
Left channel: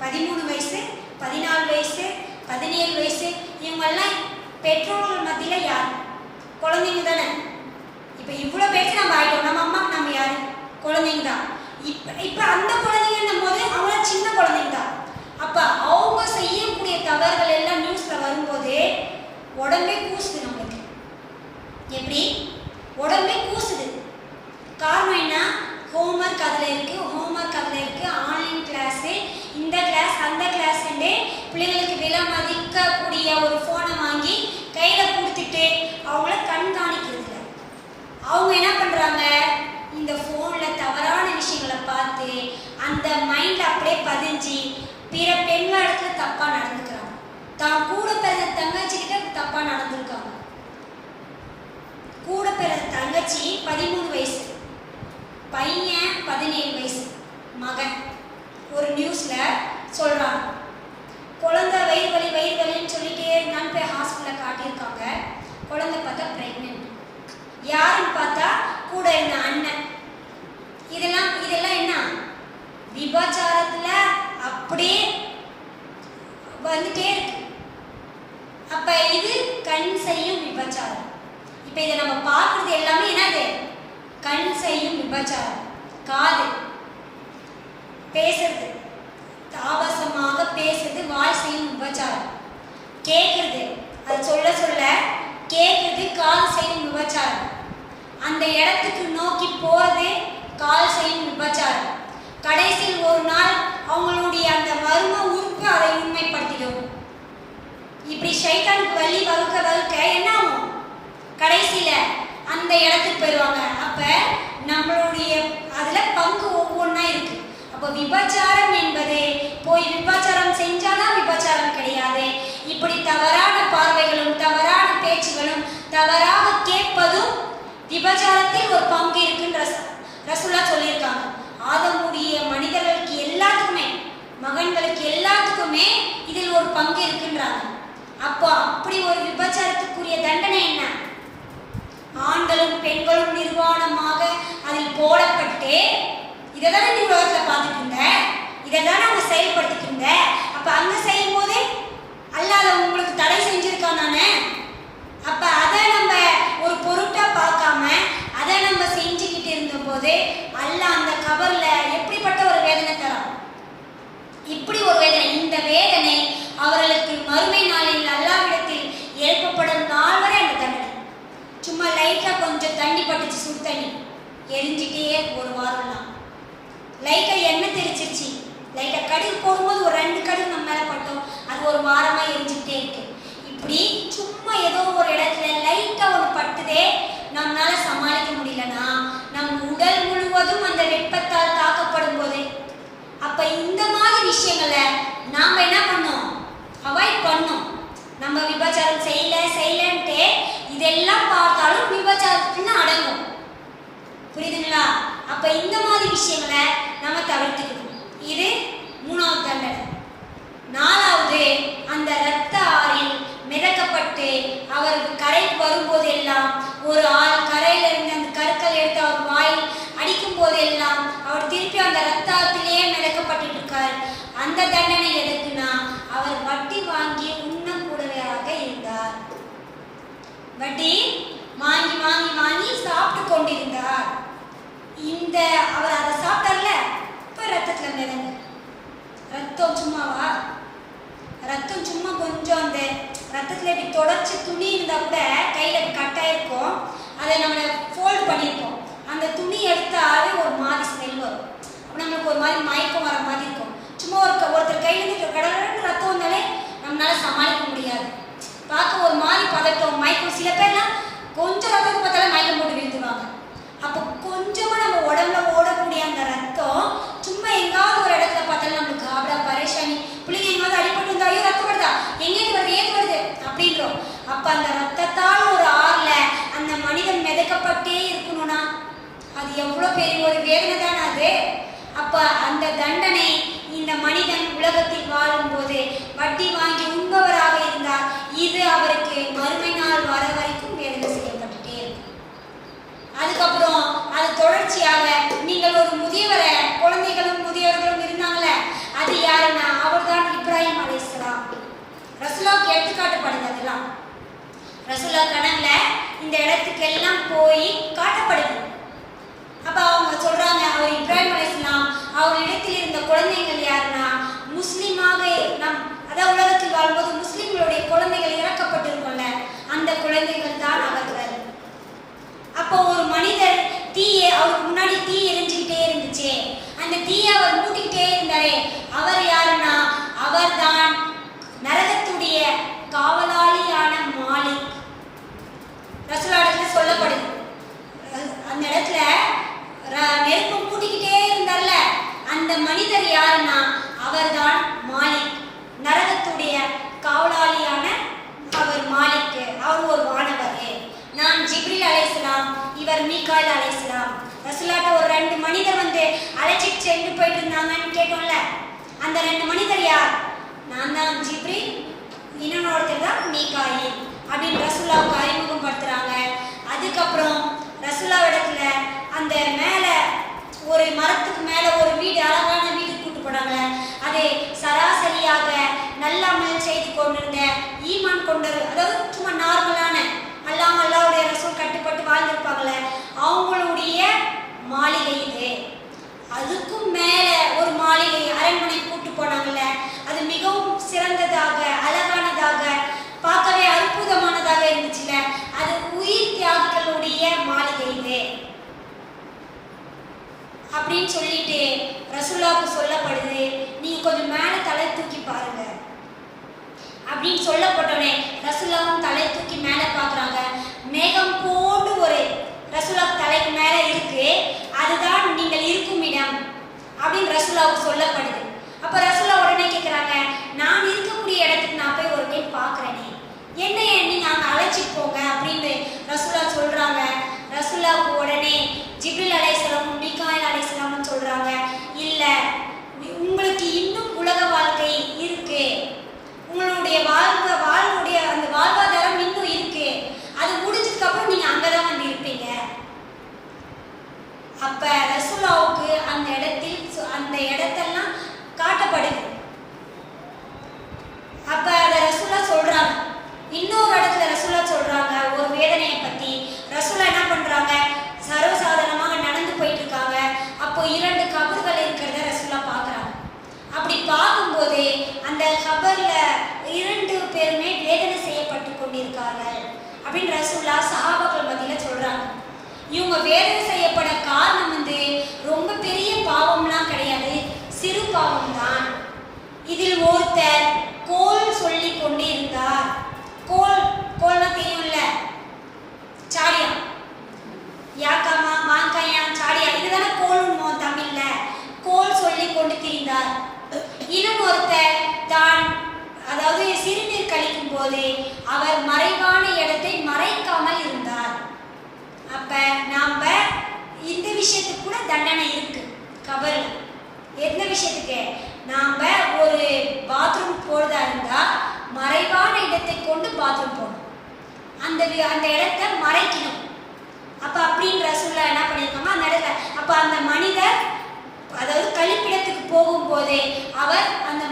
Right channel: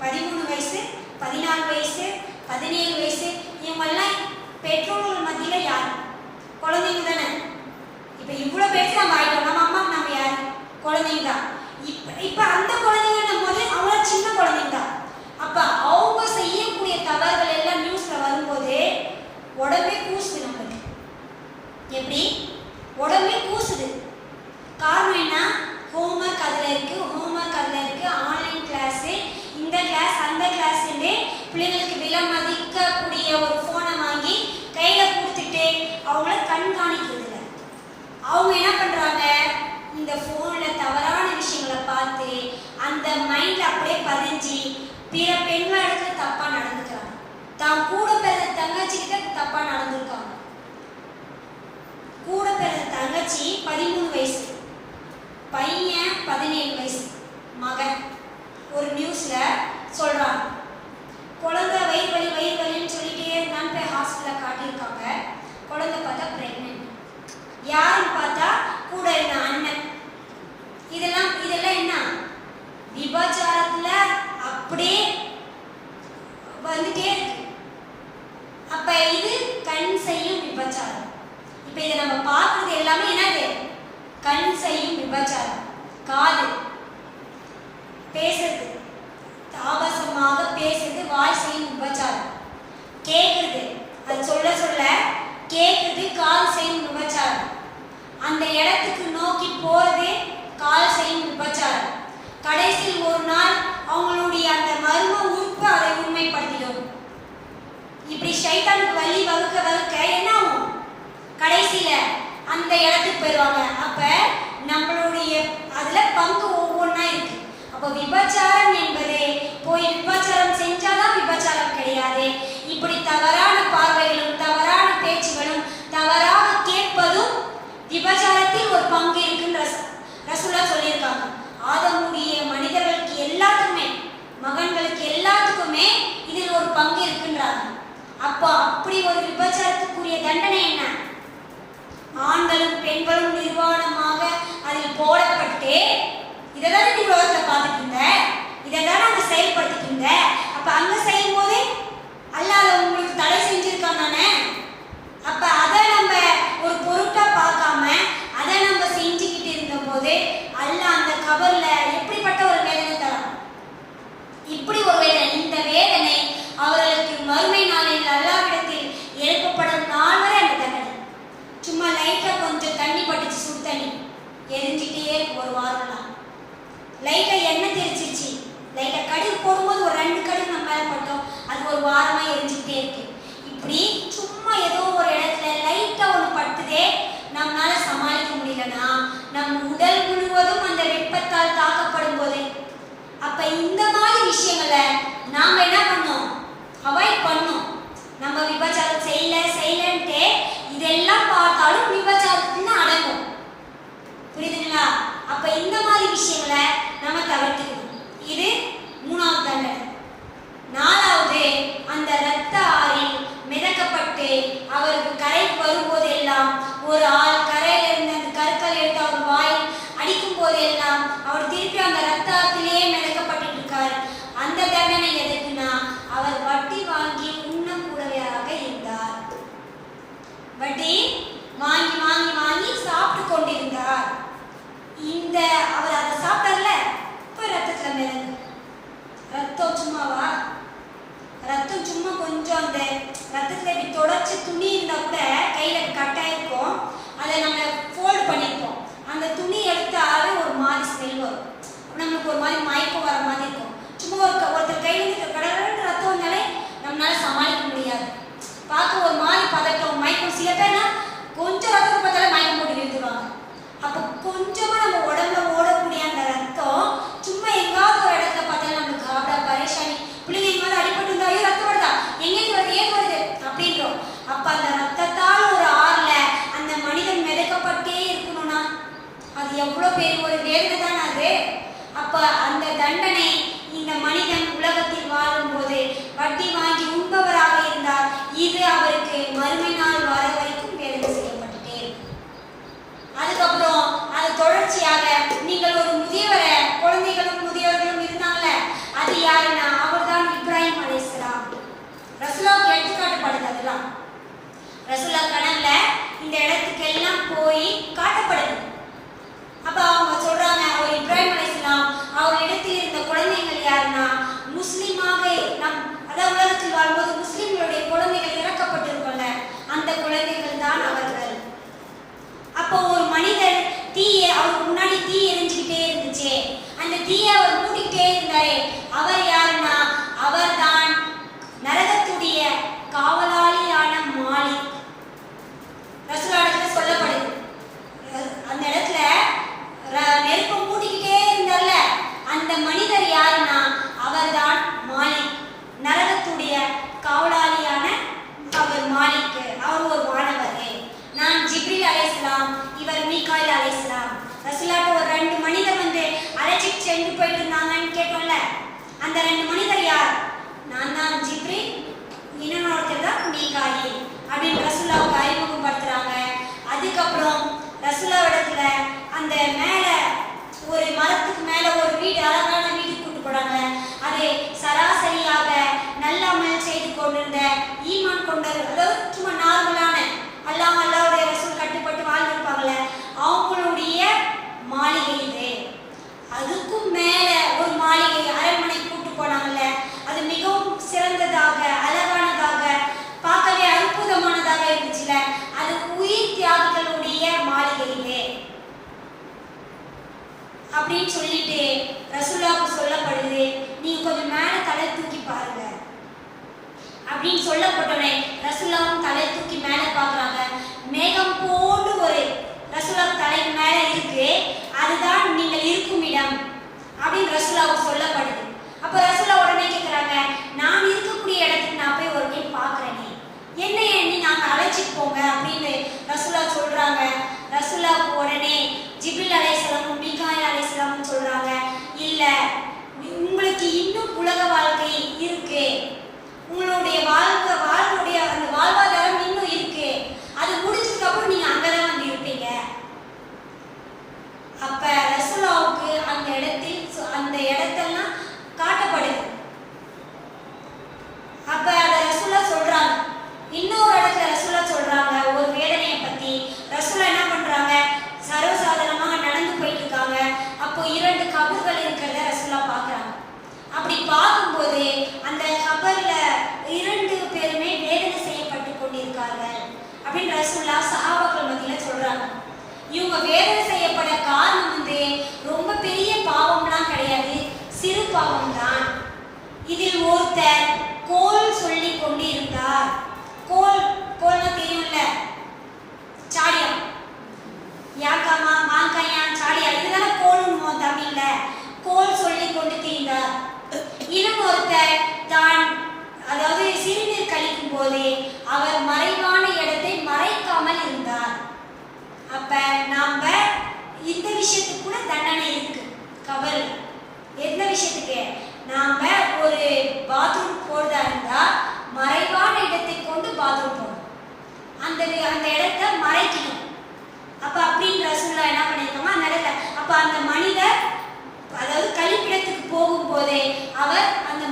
13 வயசு 14 வயசு 17 வயசு, இவங்கெல்லாம் பெற்றோர்கள் மத்தியில் யார்? குழந்தைங்க தானே. இப்போ இவ்வளோ பேர் நம்ம ஆகிட்டோம், நம்ம அம்மா நம்ம யார்? குழந்தைங்க தான். இப்போ அந்த குழந்தைங்க போது அவங்க சின்ன குழந்தைங்க தான். அப்போ அவங்க செய்யக்கூடிய தவறுகள் எல்லாம் நியூஸில் வரும்போது உடம்பே கூசுது நம்மளுக்கு. எப்படி உடம்பே கூசுது? காரணம் என்ன? ஹோம்ஒர்க் அதில் இருக்குது, ஹோம்ஒர்க் அதில் இருக்குது, ஆன்லைன் கிளாஸு, இந்த கிளாஸ் அந்த கிளாஸ்ன்னு பிள்ளைங்களுக்கு விலை மதிக்கக்கூடிய ஒரு ஃபோனை வாங்கி கையில் கொடுத்துட்டு அவங்கள கண்காணிக்கிறது இல்லை. அவங்க என்ன பண்ணுறாங்க? இந்த ஃபோனில் தவறான விஷயங்களை பார்த்து அந்த மைண்டில் அப்படியே பதிஞ்சு பிற பெண்களிடத்துல தப்பாக நடந்துக்கிறாங்க. தான் கூட பிறந்த தங்கச்சிக்கிட்ட தப்பாக நடந்துருக்காங்க. கூட பிறந்த தங்கச்சி 13 வயசு, பையன் 17 வயசு, மகன். ஒரு நியூஸ்ல சொல்றாங்க, குழந்தை வயிறு வலின்னு சொல்லிட்டே இருந்தான்னு போய் ஹாஸ்பிட்டலில் காட்டியிருக்காங்க. குழந்தை பார்த்தா பிரெக்னென்ட். யாருன்னு பார்த்தா கூட இருந்த அண்ணன். இதெல்லாம் என்ன? விபச்சாரத்துல அப்படியே வந்துட்டே இருக்கு. அப்ப இது கண் செய்யும் விபச்சாரம். இப்ப இதை நம்ம பார்க்கறது எல்லாமே என்னது? கண் செய்யும் விபச்சாரம். காது பேசுறது, ஆபாசமாக பேசுறது வாய் செய்யும் விபச்சாரம். கேட்கறது, அது சொல்ல கேட்கறது கால் செய்யும் விபச்சாரம். அந்த இடத்துக்கு நோக்கி போறது கால் செய்யும் விபச்சாரம். கடைசியில் ஒரு நாள் அவங்களுடைய அந்த மர்ம உறுப்பு அதை உண்மைப்படுத்திடும். இப்படி ஷைத்தானுக்கு வலி வகுக்க என்ன ஆகும்? கடைசியில அந்த இடத்துக்கு போயிடுவாங்க. அப்ப நம்மளுடைய அதுல பங்கு ஒவ்வொன்றா இருக்கு. அப்போ விபச்சாரம் என்பது போய் விபச்சாரம் செஞ்சாதான் விபச்சாரம் கிடையாது. இப்படி தவறான பார்வைகளும் தவறான பேச்சுகளும் தவறாக கேட்பதும் விபச்சாரத்தில் ஒரு பங்கு இருக்குன்னு ரசூலா சொல்லியிருக்காங்க. ஆதமுடைய மனிதர்களுக்கு எல்லாத்துக்குமே, மகன்களுக்கு எல்லாத்துக்குமே இதில் ஒரு பங்கு இருக்குன்றாங்க. அப்போ அப்படி ஒரு விபச்சாரத்துக்குரிய தண்டனை என்ன? ஆண்களும் பெண்களும் நிர்வாணமாக அதில் போடப்பட்டு, இதெல்லாம் நீ உலகத்தில் பார்த்துட்டு இருந்த, இதெல்லாம் நாங்கள் செயல்படுத்திட்டு இருந்த. அப்ப அங்க செய்யும் போது அல்லாஹ் உங்களுக்கு தடை செஞ்சிருக்கான் தானே. அப்ப அதை நம்ம ஒரு பொருட்டா பார்க்காம அதை நம்ம செஞ்சுக்கிட்டு இருந்த போது அல்லாஹ் அந்த கபர்ல எப்படிப்பட்ட ஒரு வேதனை தரான்? இப்படி ஒரு வேதனை. இந்த வேதனை அவர்களுக்கு மறுமை நாளில் அல்லாஹ்விடத்தில் எழுப்பப்படும் நாள் வரை அந்த தண்டனை. சும்மா லைட்டா கொஞ்சம் தண்ணி பட்டுச்சு, சுடு தண்ணி எரிஞ்சிட்டே ஒரு வாரம்லாம். லைட்டா எண்ணெய் தெரிச்சிருச்சு, லைட்டா கடுகு போடும்போது ஒரு 2 கடுகு நம்ம மேல பட்டோம், அது ஒரு வாரமா எரிஞ்சுக்கிட்டே இருக்கு. இப்படி சும்மா ஏதோ ஒரு இடத்துல லைட்டா ஒன்று பட்டுதே, நம்மளால சமாளிக்க நாம என்ன பண்ணோம்? அவாய்ட் பண்ணோம். நம்ம விபச்சாரம் செய்யலன்ட்டு இதெல்லாம் பார்த்தாலும் விபச்சாரத்துன்னு அடங்கும். புரியுதுங்களா? அப்ப இந்த மாதிரி விஷயங்களை நம்ம தவிர்த்துக்கணும். இது 3வது தண்டனை. 4வது, அந்த இரத்த ஆறில் மிதக்கப்பட்டு அவருக்கு கரைக்கு வரும்போதெல்லாம் ஒரு ஆள் கரையில இருந்து அந்த கற்கள் எடுத்து அவர் வாயில் அடிக்கும் போதெல்லாம் அவர் திருப்பி அந்த இரத்தத்திலே மிதக்கப்பட்டு இருக்கார். அந்த தண்டனை எதுக்குன்னா, அவர் வட்டி வாங்கி உண்ணக்கூடியவராக இருந்தார். வட்டி வாங்கி வாங்கி வாங்கி சாப்பிட்டு கொண்டிருந்தார். இந்த அவர் அதை சாப்பிட்டார்ல, இப்போ ரத்தத்துல மிதங்க. ரத்தம் சும்மாவா? ரத்தம் சும்மா கொஞ்சம் அந்த ரத்தத்துல இப்படி தொடச்சி துணி இருந்தா கூட கையில கட்டாயிருக்கும், அதை நம்ம ஃபோல்டு பண்ணியிருப்போம். அந்த துணி எடுத்தாலே ஒரு மாதிரி ஸ்மெல் வரும், நம்மளுக்கு ஒரு மாதிரி மயக்கம் வர மாதிரி இருக்கும். சும்மா ஒருத்தர் கையில கடற்கரை ரத்தம் வந்தாலே நம்மளால சமாளிக்க முடியாது. பார்க்க ஒரு மாதிரி பதட்டம், மயக்கம். சில பேர்னா கொஞ்சம் ரத்தத்தை பார்த்தாலே மயக்கம் போட்டு விழுந்துருவாங்க. அப்போ கொஞ்சமா நம்ம உடம்புல ஓடக்கூடிய அந்த ரத்தம் சும்மா எங்காவது ஒரு இடத்துல பார்த்தாலும் நம்மளுக்கு காபடா பரேஷானி, பிள்ளைங்க எங்காவது அடிபட்டு இருந்தா ஐயோ ரத்தம் வருதா, எங்கேயும் வருது, ஏன் வருது அப்படின்றோம். அப்ப அந்த ரத்தத்தால் ஒரு ஆறுல அந்த மனிதன் மிதக்கப்பட்டே இருக்கணும்னா அது எவ்வளவு பெரிய ஒரு வேதனை தான் அது. அப்ப அந்த தண்டனை இந்த மனிதன் உலகத்தில் வாழும் போது வட்டி வாங்கி உண்பவராக இருந்தார். இது அவருக்கு மறுமை நாள் வர வரைக்கும் வேதனை செய்யப்பட்டுட்டே இருக்கும். அதுக்கப்புறம் அது தொடர்ச்சியாக நீங்கள் ஒரு முதியவரை, குழந்தைகளும் முதியவர்களும் இருந்தாங்களே, அது யாருன்னா அவர்தான் இப்ராஹிம் அலைஹிஸ்ஸலாம். ரசூலுல்லாஹ்க்கு எடுத்துக்காட்டப்படுது. அதெல்லாம் ரசூலுல்லாஹ் கனவுல இந்த இடத்துக்கெல்லாம் போய் காட்டப்படுது. அப்ப அவங்க சொல்றாங்க, அவர் இப்ராஹிம் அலைஹிஸ்ஸலாம் அவரிடத்தில் இருந்த குழந்தைகள் யாருன்னா முஸ்லிமாக அதாவது உலகத்தில் வாழ்ம்போது முஸ்லிம்களுடைய குழந்தைகள் இறக்கப்பட்டிருக்கோம்ல, அந்த குழந்தைகள் தான் அவர்கள். அப்போ ஒரு மனிதர் அவருக்கு முன்னாடி தீ எரிஞ்சுக்கிட்டே இருந்துச்சு, அந்த தீயை அவர் மூட்டிக்கிட்டே இருந்தாரே, அவர் யாருன்னா அவர் தான் நரகத்துடைய காவலாளியான மாலிக். ரசூலுல்லாஹ்விடத்துல சொல்லப்படுது. அந்த இடத்துல நெருப்பு மூட்டிக்கிட்டே இருந்தார்ல, அந்த மனிதர் யாருன்னா அவர் தான் மாலிக், நரகத்துடைய காவலாளியான அவர் மாலிக். அவர் ஒரு வானவர். நான் ஜிப்ரீல் அலைஹிஸ்ஸலாம், இவர் மீகாயில் அலைஹிஸ்ஸலாம். ரசூலுல்லாஹ்ட்ட ஒரு 2 மனிதர் வந்து அழைச்சிட்டு சென்று போயிட்டு இருந்தாங்கன்னு கேட்டோம்ல, அந்த 2 மனிதர் யார்? நான் தான் ஜிப்ரீல், இன்னொருத்தர் தான் மீகாயில் அப்படின்னு ரசூலுல்லாஹ்வுக்கு அறிமுகப்படுத்துறாங்க. அதுக்கப்புறம் ரசூலுல்லாஹ்விடத்துல அந்த மேல ஒரு மரத்துக்கு மேல ஒரு வீடு, அழகான வீடு கூட்டு போனாங்க. அது சராசரியாக நல்ல அமல் செய்து கொண்டிருந்த ஈமான் கொண்டவர், அதாவது சும்மா நார்மலான அல்லாஹ்வுடைய ரசூல் கட்டுப்பட்டு வாழ்ந்திருப்பாங்கல்ல, அவங்களுடைய மாளிகை இது. அதுக்கும் மேல ஒரு மாளிகை, அரண்மனை கூட்டு போனாங்கல்ல, அது மிகவும் சிறந்ததாக, அழகானதாக, பார்க்கவே அற்புதமானதாக இருந்துச்சுல, அது உயிர் தியாகிகளுடைய மாளிகை இது அப்படின்னு சொல்லிட்டு ரசூலுல்லாஹ்வுக்கு சொல்லப்படுது. நீங்க கொஞ்சம் மேல தலை தூக்கி பாருங்க அப்படின்னு சொல்லப்பட்டோன்னே ரசூலுல்லாஹ்வும் தலை தூக்கி மேல பாக்குறாங்க. மேகம் போன்று ஒரு ரசூலுல்லாஹ் தலைக்கு மேல இருக்கு, அதுதான் நீங்கள் இருக்கும் இடம் அப்படின்னு ரசூலுல்லாஹ்வுக்கு சொல்லப்படுது. அப்ப ரசூலுல்லாஹ் உடனே கேட்கிறாங்க, நான் இருக்கக்கூடிய இடத்துக்கு நான் போய் ஒரு டைம் பாக்குறேனே, என்னைய நீங்க அங்க அழைச்சிட்டு போங்க அப்படின்னு ரசூலுல்லாஹ் சொல்றாங்க. ரசூலுல்லாஹ்வுக்கு உடனே ஜிப்ரீல் அலைஹிஸ்ஸலாம், மீகாயில் அலைஹிஸ்ஸலாம் சொல்றாங்க, இல்ல உங்களுக்கு இன்னும் உலக வாழ்க்கை இருக்கு, உங்களுடைய வாழ்வுடைய அந்த வாழ்வாதாரம் இன்னும் இருக்கு, அது முடிஞ்சதுக்கு அப்புறம் நீங்க அங்கதான் வந்து இருப்பீங்க. அப்ப ரசூலுல்லாஹ்வுக்கு அந்த இடத்தெல்லாம் காட்டப்படுது. அப்ப அத ரசூலுல்லாஹ் சொல்றாங்க. இன்னொரு இடத்துல ரசூலுல்லாஹ் சொல்றாங்க ஒரு வேதனையை பத்தி. ரசூலுல்லாஹ் என்ன பண்றாங்க, சர்வசாதாரணமாக நடந்து போயிட்டு இருக்காங்க. அப்போ 2 கபர்கள் இருக்கிறத ரசூலுல்லாஹ் பாக்குறாங்க. அப்படி பார்க்கும்போது அந்த கபர்ல 2 பேருமே வேதனை செய்யப்பட்டு கொண்டிருக்கார்கள் அப்படின்னு ரசூலுல்லாஹ் சஹாபாக்கள் மத்தியில சொல்றாங்க. இவங்க வேதனை செய்யப்பட காரணம் வந்து ரொம்ப பெரிய பாவம்லாம் கிடையாது, சிறு பாவம் தான். இதில் ஒருத்தர் கோல் சொல்லி கொண்டிருந்தார். கோல்னா தெரியும்ல, சாடியம், யாக்காமா மாங்காயா சாடியா, இதுதானே கோல் தமிழ்ல. கோல் சொல்லி கொண்டு திரிந்தார். இன்னும் ஒருத்தர் தான் அந்த இடத்தை மறைக்கணும். அப்ப அப்படின்னு ரசூலுல்லாஹ் என்ன பண்ணிருக்காங்க அந்த இடத்துல. அப்ப அந்த மனிதர் அதாவது கழிப்பிடத்துக்கு போகும்போது அவர் அந்த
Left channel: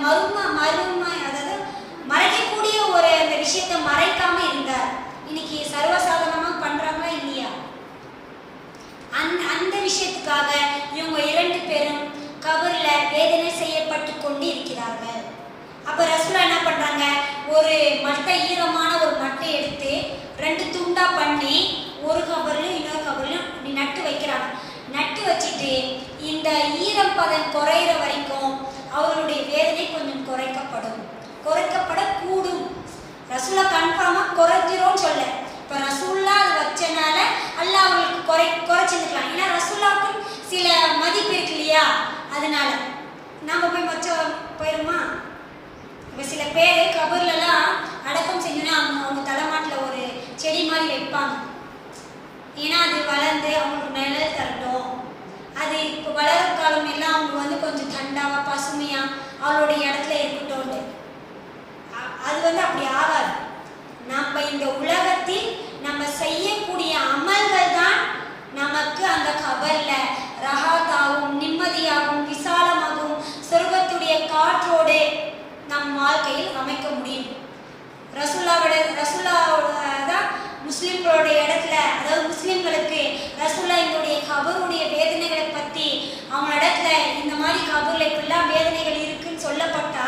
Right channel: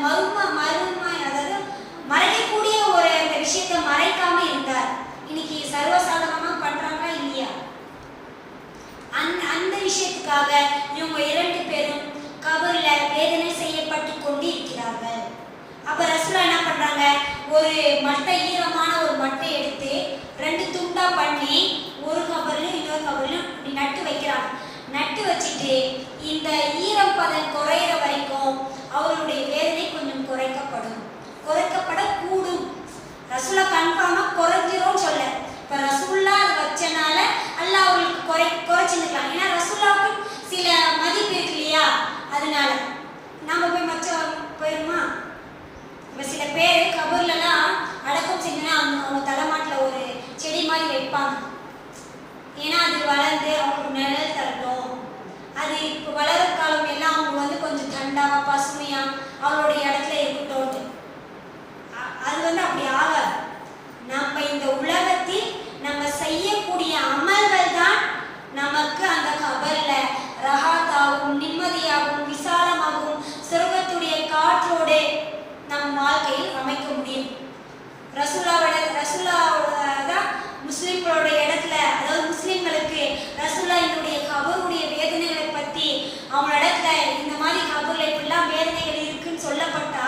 அதாவது மறைக்கக்கூடிய ஒரு அந்த விஷயத்தை மறைக்காம இருந்தார். இன்னைக்கு சர்வசாதாரணமா பண்றாங்களா இல்லையா? அந்த விஷயத்துக்காக இவங்க 2 பேரும் கபர்ல வேதனை செய்யப்பட்டு கொண்டு இருக்கிறார்கள். அப்ப ரசூலுல்லாஹ் என்ன பண்றாங்க, ஒரு மட்டை, ஈரமான ஒரு மட்டை எடுத்து 2 துண்டா பண்ணி ஒரு கபர்ல இன்னொரு கபர்ல இப்படி நட்டு வைக்கிறாங்க. நட்டு வச்சுட்டு இந்த ஈரப்பதம் குறையிற வரைக்கும் அவர்களுடைய வேதனை கொஞ்சம் குறைக்கப்படக்கூடும். ரசூலுல்லாஹ் கன்ஃபார்மா குறைஞ்சிரும்னு சொல்ல. இப்ப ரசூலுல்லாஹ் அதை வச்சனால அல்லாஹ் அவங்களுக்கு குறைச்சிருக்கலாம். ஏன்னா ரசூலுல்லாஹ்க்கு சில மதிப்பு இருக்கு இல்லையா? அதனால நாம போய் போயிருமா? இப்ப சில பேர் கபர்லாம் அடக்கம் செஞ்சோன்னா அவங்க தலைமாட்டில் ஒரு செடி மாதிரி வைப்பாங்க. ஏன்னா அது வளர்ந்து அவங்களுக்கு நிழல் தரட்டும். அது இப்போ வளர காலம் எல்லாம் அவங்க கொஞ்சம் தண்டாவா பசுமையா அவளுடைய இடத்துல இருக்கட்டும். அது அப்படி ஆகாது. நம்ம இந்த உலகத்தில் நம்ம செய்யக்கூடிய அமல்கள் தான் நமக்கு அந்த கபர்ல ரஹாத்தாகவும் நிம்மதியாகவும் விசாலமாகவும் சொர்க்கத்துடைய காற்றோடு நம் வாழ்க்கையில் அமைக்க முடியும். ரசூலுல்லாஹ் தான் முஸ்லிம்களோட இடத்துல, அதாவது முஸ்லிம்களுக்கு ரசூலுல்லாஹ்வுடைய கபருடைய வேதனைகளை பத்தி அவங்க இடத்துல இந்த மாதிரி கபர்ல இப்படிலாம் வேதனைகள் இருக்குன்னு சொல்லப்பட்டா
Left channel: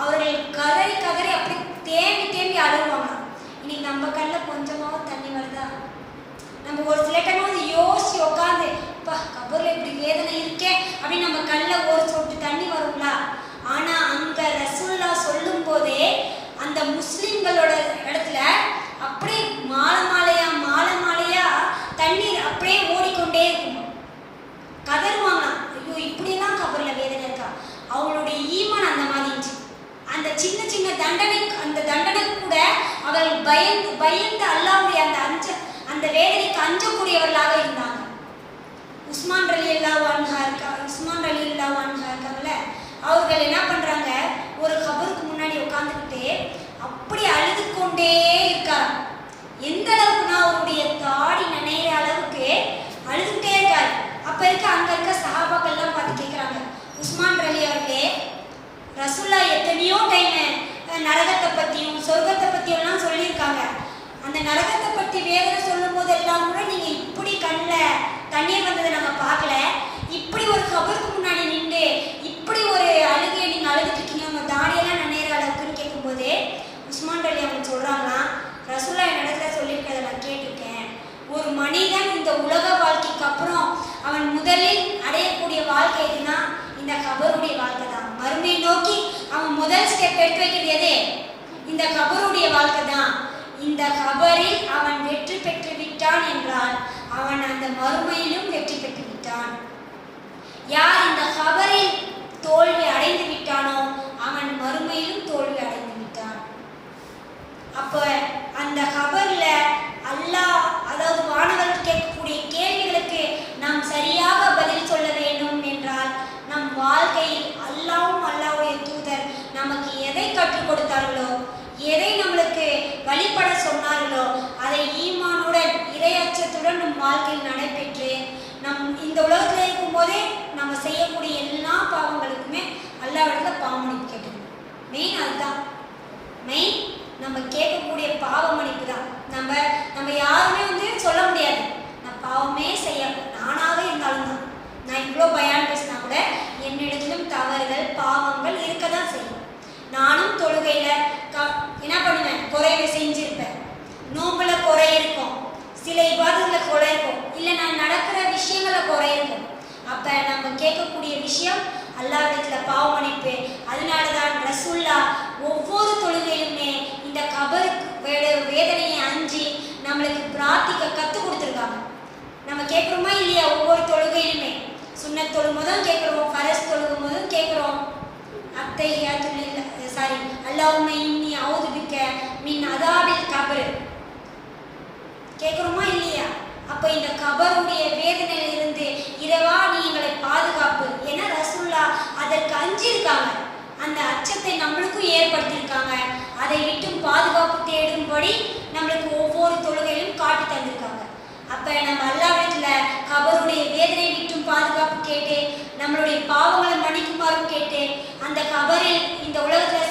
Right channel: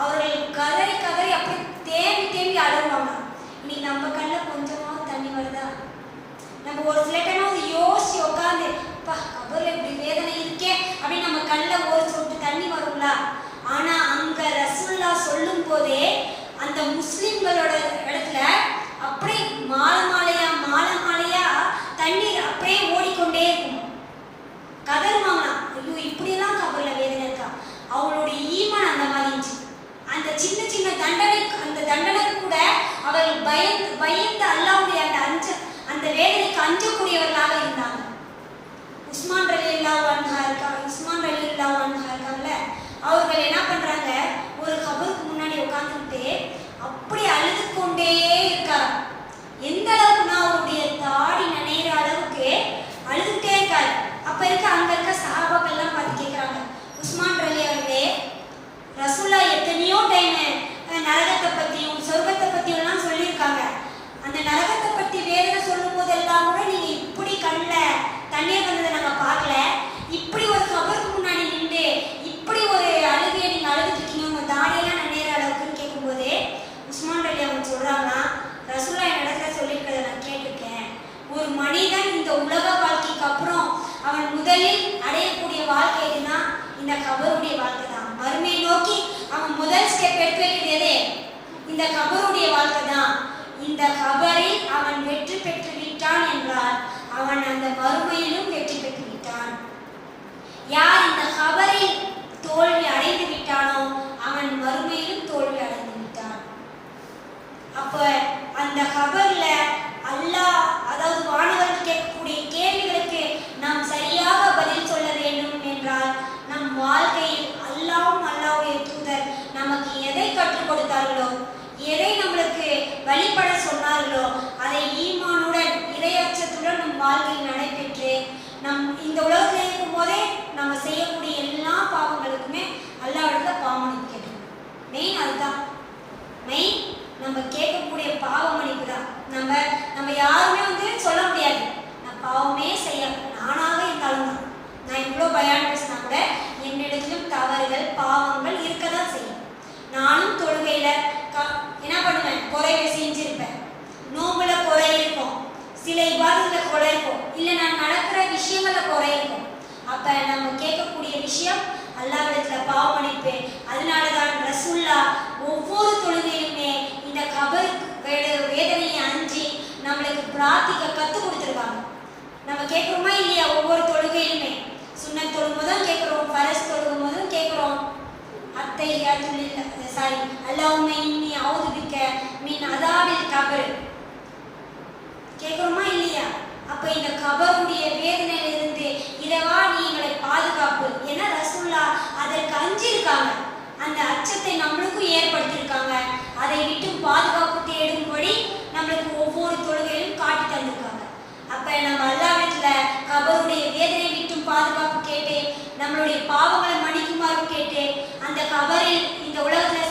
அவர்கள் கதறி கதறி அப்படி தேம்பி அழுவாங்க. இன்னைக்கு நம்ம கண்ணில் கொஞ்சமாவது தண்ணி வருதா? நம்ம ஒரு சில டைம் யோசிச்சு உட்காந்து கபர்ல இப்படி வேதனை இருக்கே அப்படின்னு நம்ம கண்ணில் ஒரு சொட்டு தண்ணி வருங்களா? ஆனா அங்க ரசூலுல்லாஹ் சொல்லும் போதே அந்த முஸ்லிம்களோட இடத்துல அப்படியே மாலை மாலையா தண்ணீர் அப்படியே ஓடிக்கொண்டே இருக்கும். கதறுவாங்க, ஐயோ இப்படிலாம் கபர்ல வேதனை இருக்கா? அவங்களுடைய ஈமான் அந்த மாதிரி இருந்துச்சு. அந்த சின்ன அந்த தண்டனை கூட அவர்கள் பயந்து அல்லாஹ்வுடைய அந்த வேதனைக்கு அஞ்சக்கூடியவர்களாக இருந்தாங்க. உஸ்மான் ரலியல்லாஹு அன்ஹு இருக்காங்கல்ல, அவர்கள் என்ன பண்றாங்க, ஒரு கபருக்கு முன்னாடி உட்கார்ந்துட்டு அப்படி அழுது கொண்டே இருக்காங்க. எந்த அளவுக்குன்னா அவருடைய தாடி நனைகிற அளவுக்கு அழுதுகிட்டே இருக்காரு. அப்ப அங்க இருக்க சஹாபாக்கள்லாம் பார்த்து கேட்கிறாங்க, உஸ்மான் ரலி அவர்களே, ரசூலுல்லாஹ் எத்தனையோ டைம் நரகத்தை பத்தியும் சொர்க்கத்தை பத்தியும் எல்லாம் சொல்லியிருக்காங்க. அந்த நரகத்தை பத்தி வேதனை சொல்லும் போது எல்லாம் கூட நீங்க இப்படி கண்ணில் தண்ணீர் வந்ததை நாங்க பார்க்கல. இப்படி ஒரு கபருக்கு முன்னாடி நின்று இப்படி ஒரு அழுகையை நீங்க அழுதுட்டு இருக்கீங்க, உங்க தாடியெல்லாம் நனைகிற அளவுக்குன்னு கேட்கும் போதே உஸ்மான் ரலி அவங்க சொல்றாங்கன்னா, ரசூலுல்லாஹ் என் இடத்துல சொல்லியிருக்கிறத நான் கேட்டுட்டேன். ஒரு மனிதன் இந்த உலக வாழ்க்கைக்கு அப்புறம் அவன் முதலில் அடையக்கூடிய வாழ்க்கை எதுனா இந்த கபருடைய வாழ்க்கை தான். மறுமையை நோக்கி அவன் முதல் ஸ்டெப் எடுத்து வைக்கிறது எது? இந்த கபருடைய வாழ்க்கை தான். இந்த கபரில் அவன் வெற்றி பெற்று விட்டான் என்றால் அவன் அந்த மறுமையிலும் வெற்றி பெற்று விட்டான். யார் இந்த கபரில் தோல்வி அடைந்து விட்டானோ அவன் மறுமையிலும் தோல்வி அடைந்து விட்டான். அப்ப அந்த கபர்ல அல்லாஹ், அதாவது வானவர்கள் கேட்கக்கூடிய கேள்விகளுக்கு நாம் சரியாக பதில் சொல்ல வேண்டும் என்றால் நம் வாழ்க்கையில் அல்லாஹ்வுடைய தூதர் நமக்கு எதை கற்றுக் கொடுத்தார்களோ, எதை நம்மளுக்கு வழிபட சொன்னார்களோ அதை ஈமானுடன் இறையச்சத்துடன் நம் வாழ்க்கையில் நடைபெற்று நம் இந்த உலகத்தில் இருக்கும் போதே நம்ம செய்யக்கூடிய எல்லா பாவங்களுக்குமே அல்லாஹ்விடத்துல பாவமன்னிப்பு கேட்கணும். மெயின் அதுதான். மெயின் நம்ம கேட்கக்கூடிய பாவ மன்னிப்பு தான். நம்ம யாருமே சொல்ல முடியாது நான் பாவமே செய்ய, நானாக இருந்தாலும் தான். நான் இவ்வளோ பயான் பேசினா கூட என்னிடத்திலும் தவறுகள் பாவங்கள் இருக்க தான் செய்யும். நானும் தொழுகையில என்ன பண்ணுவேன், குறைவை செஞ்சிருப்பேன். நோம்புல குறை இருக்கும், சில இபாதத்துல குறை இருக்கும், இல்லை நான் நடக்கிற விஷயங்கள குறை இருக்கும். அப்ப நம்ம கேட்கக்கூடிய விஷயம் அல்லாஹ்விடத்துல பாவ மன்னிப்பு. அதனாலதான் ரசூலுல்லாஹ் ஒவ்வொரு தொழுகையிலுமே இந்த கபர் வேதனையை அஞ்சி நம்மளுக்கு பிரார்த்திக்க கற்றுக் கொடுத்துருக்காங்க. நம்ம கேட்குறோமா இல்லையா? ஒவ்வொரு தொழுகையிலுமே சுன்னத் தொழுகும் போதும் கேட்குறோம், ஃபரஸ் தொழுகும் போதும் கேட்குறோம், அல்லாஹும்ம இன்னி அஊது பிக்க மின் அதாபில் கபர் கேட்குறோமா இல்லையா? அப்ப இந்த கபருடைய வேதனையிலிருந்து இறைவா நீ எங்களை பாதுகாப்பு. ஏன்னா ரசூலுல்லாஹ் அதற்கு அஞ்சிருக்காங்க. அந்த அச்சத்தை நம்மளுக்கும் ஏற்படுத்தியிருக்காங்க. அதை விட்டு பாதுகாப்பு தேடும்படி நம்மளுக்கு ஒவ்வொரு தொழுகையிலும் காட்டி தந்திருக்காங்க. அப்ப நம்ம அல்லாஹ்விடத்துல கபருடைய வேதனை விட்டும் பாதுகாப்பு கேட்டு நம்மளுடைய பாவங்களை மன்னிக்குமாறு கேட்டு அந்த கபரில் இந்த உலகத்துல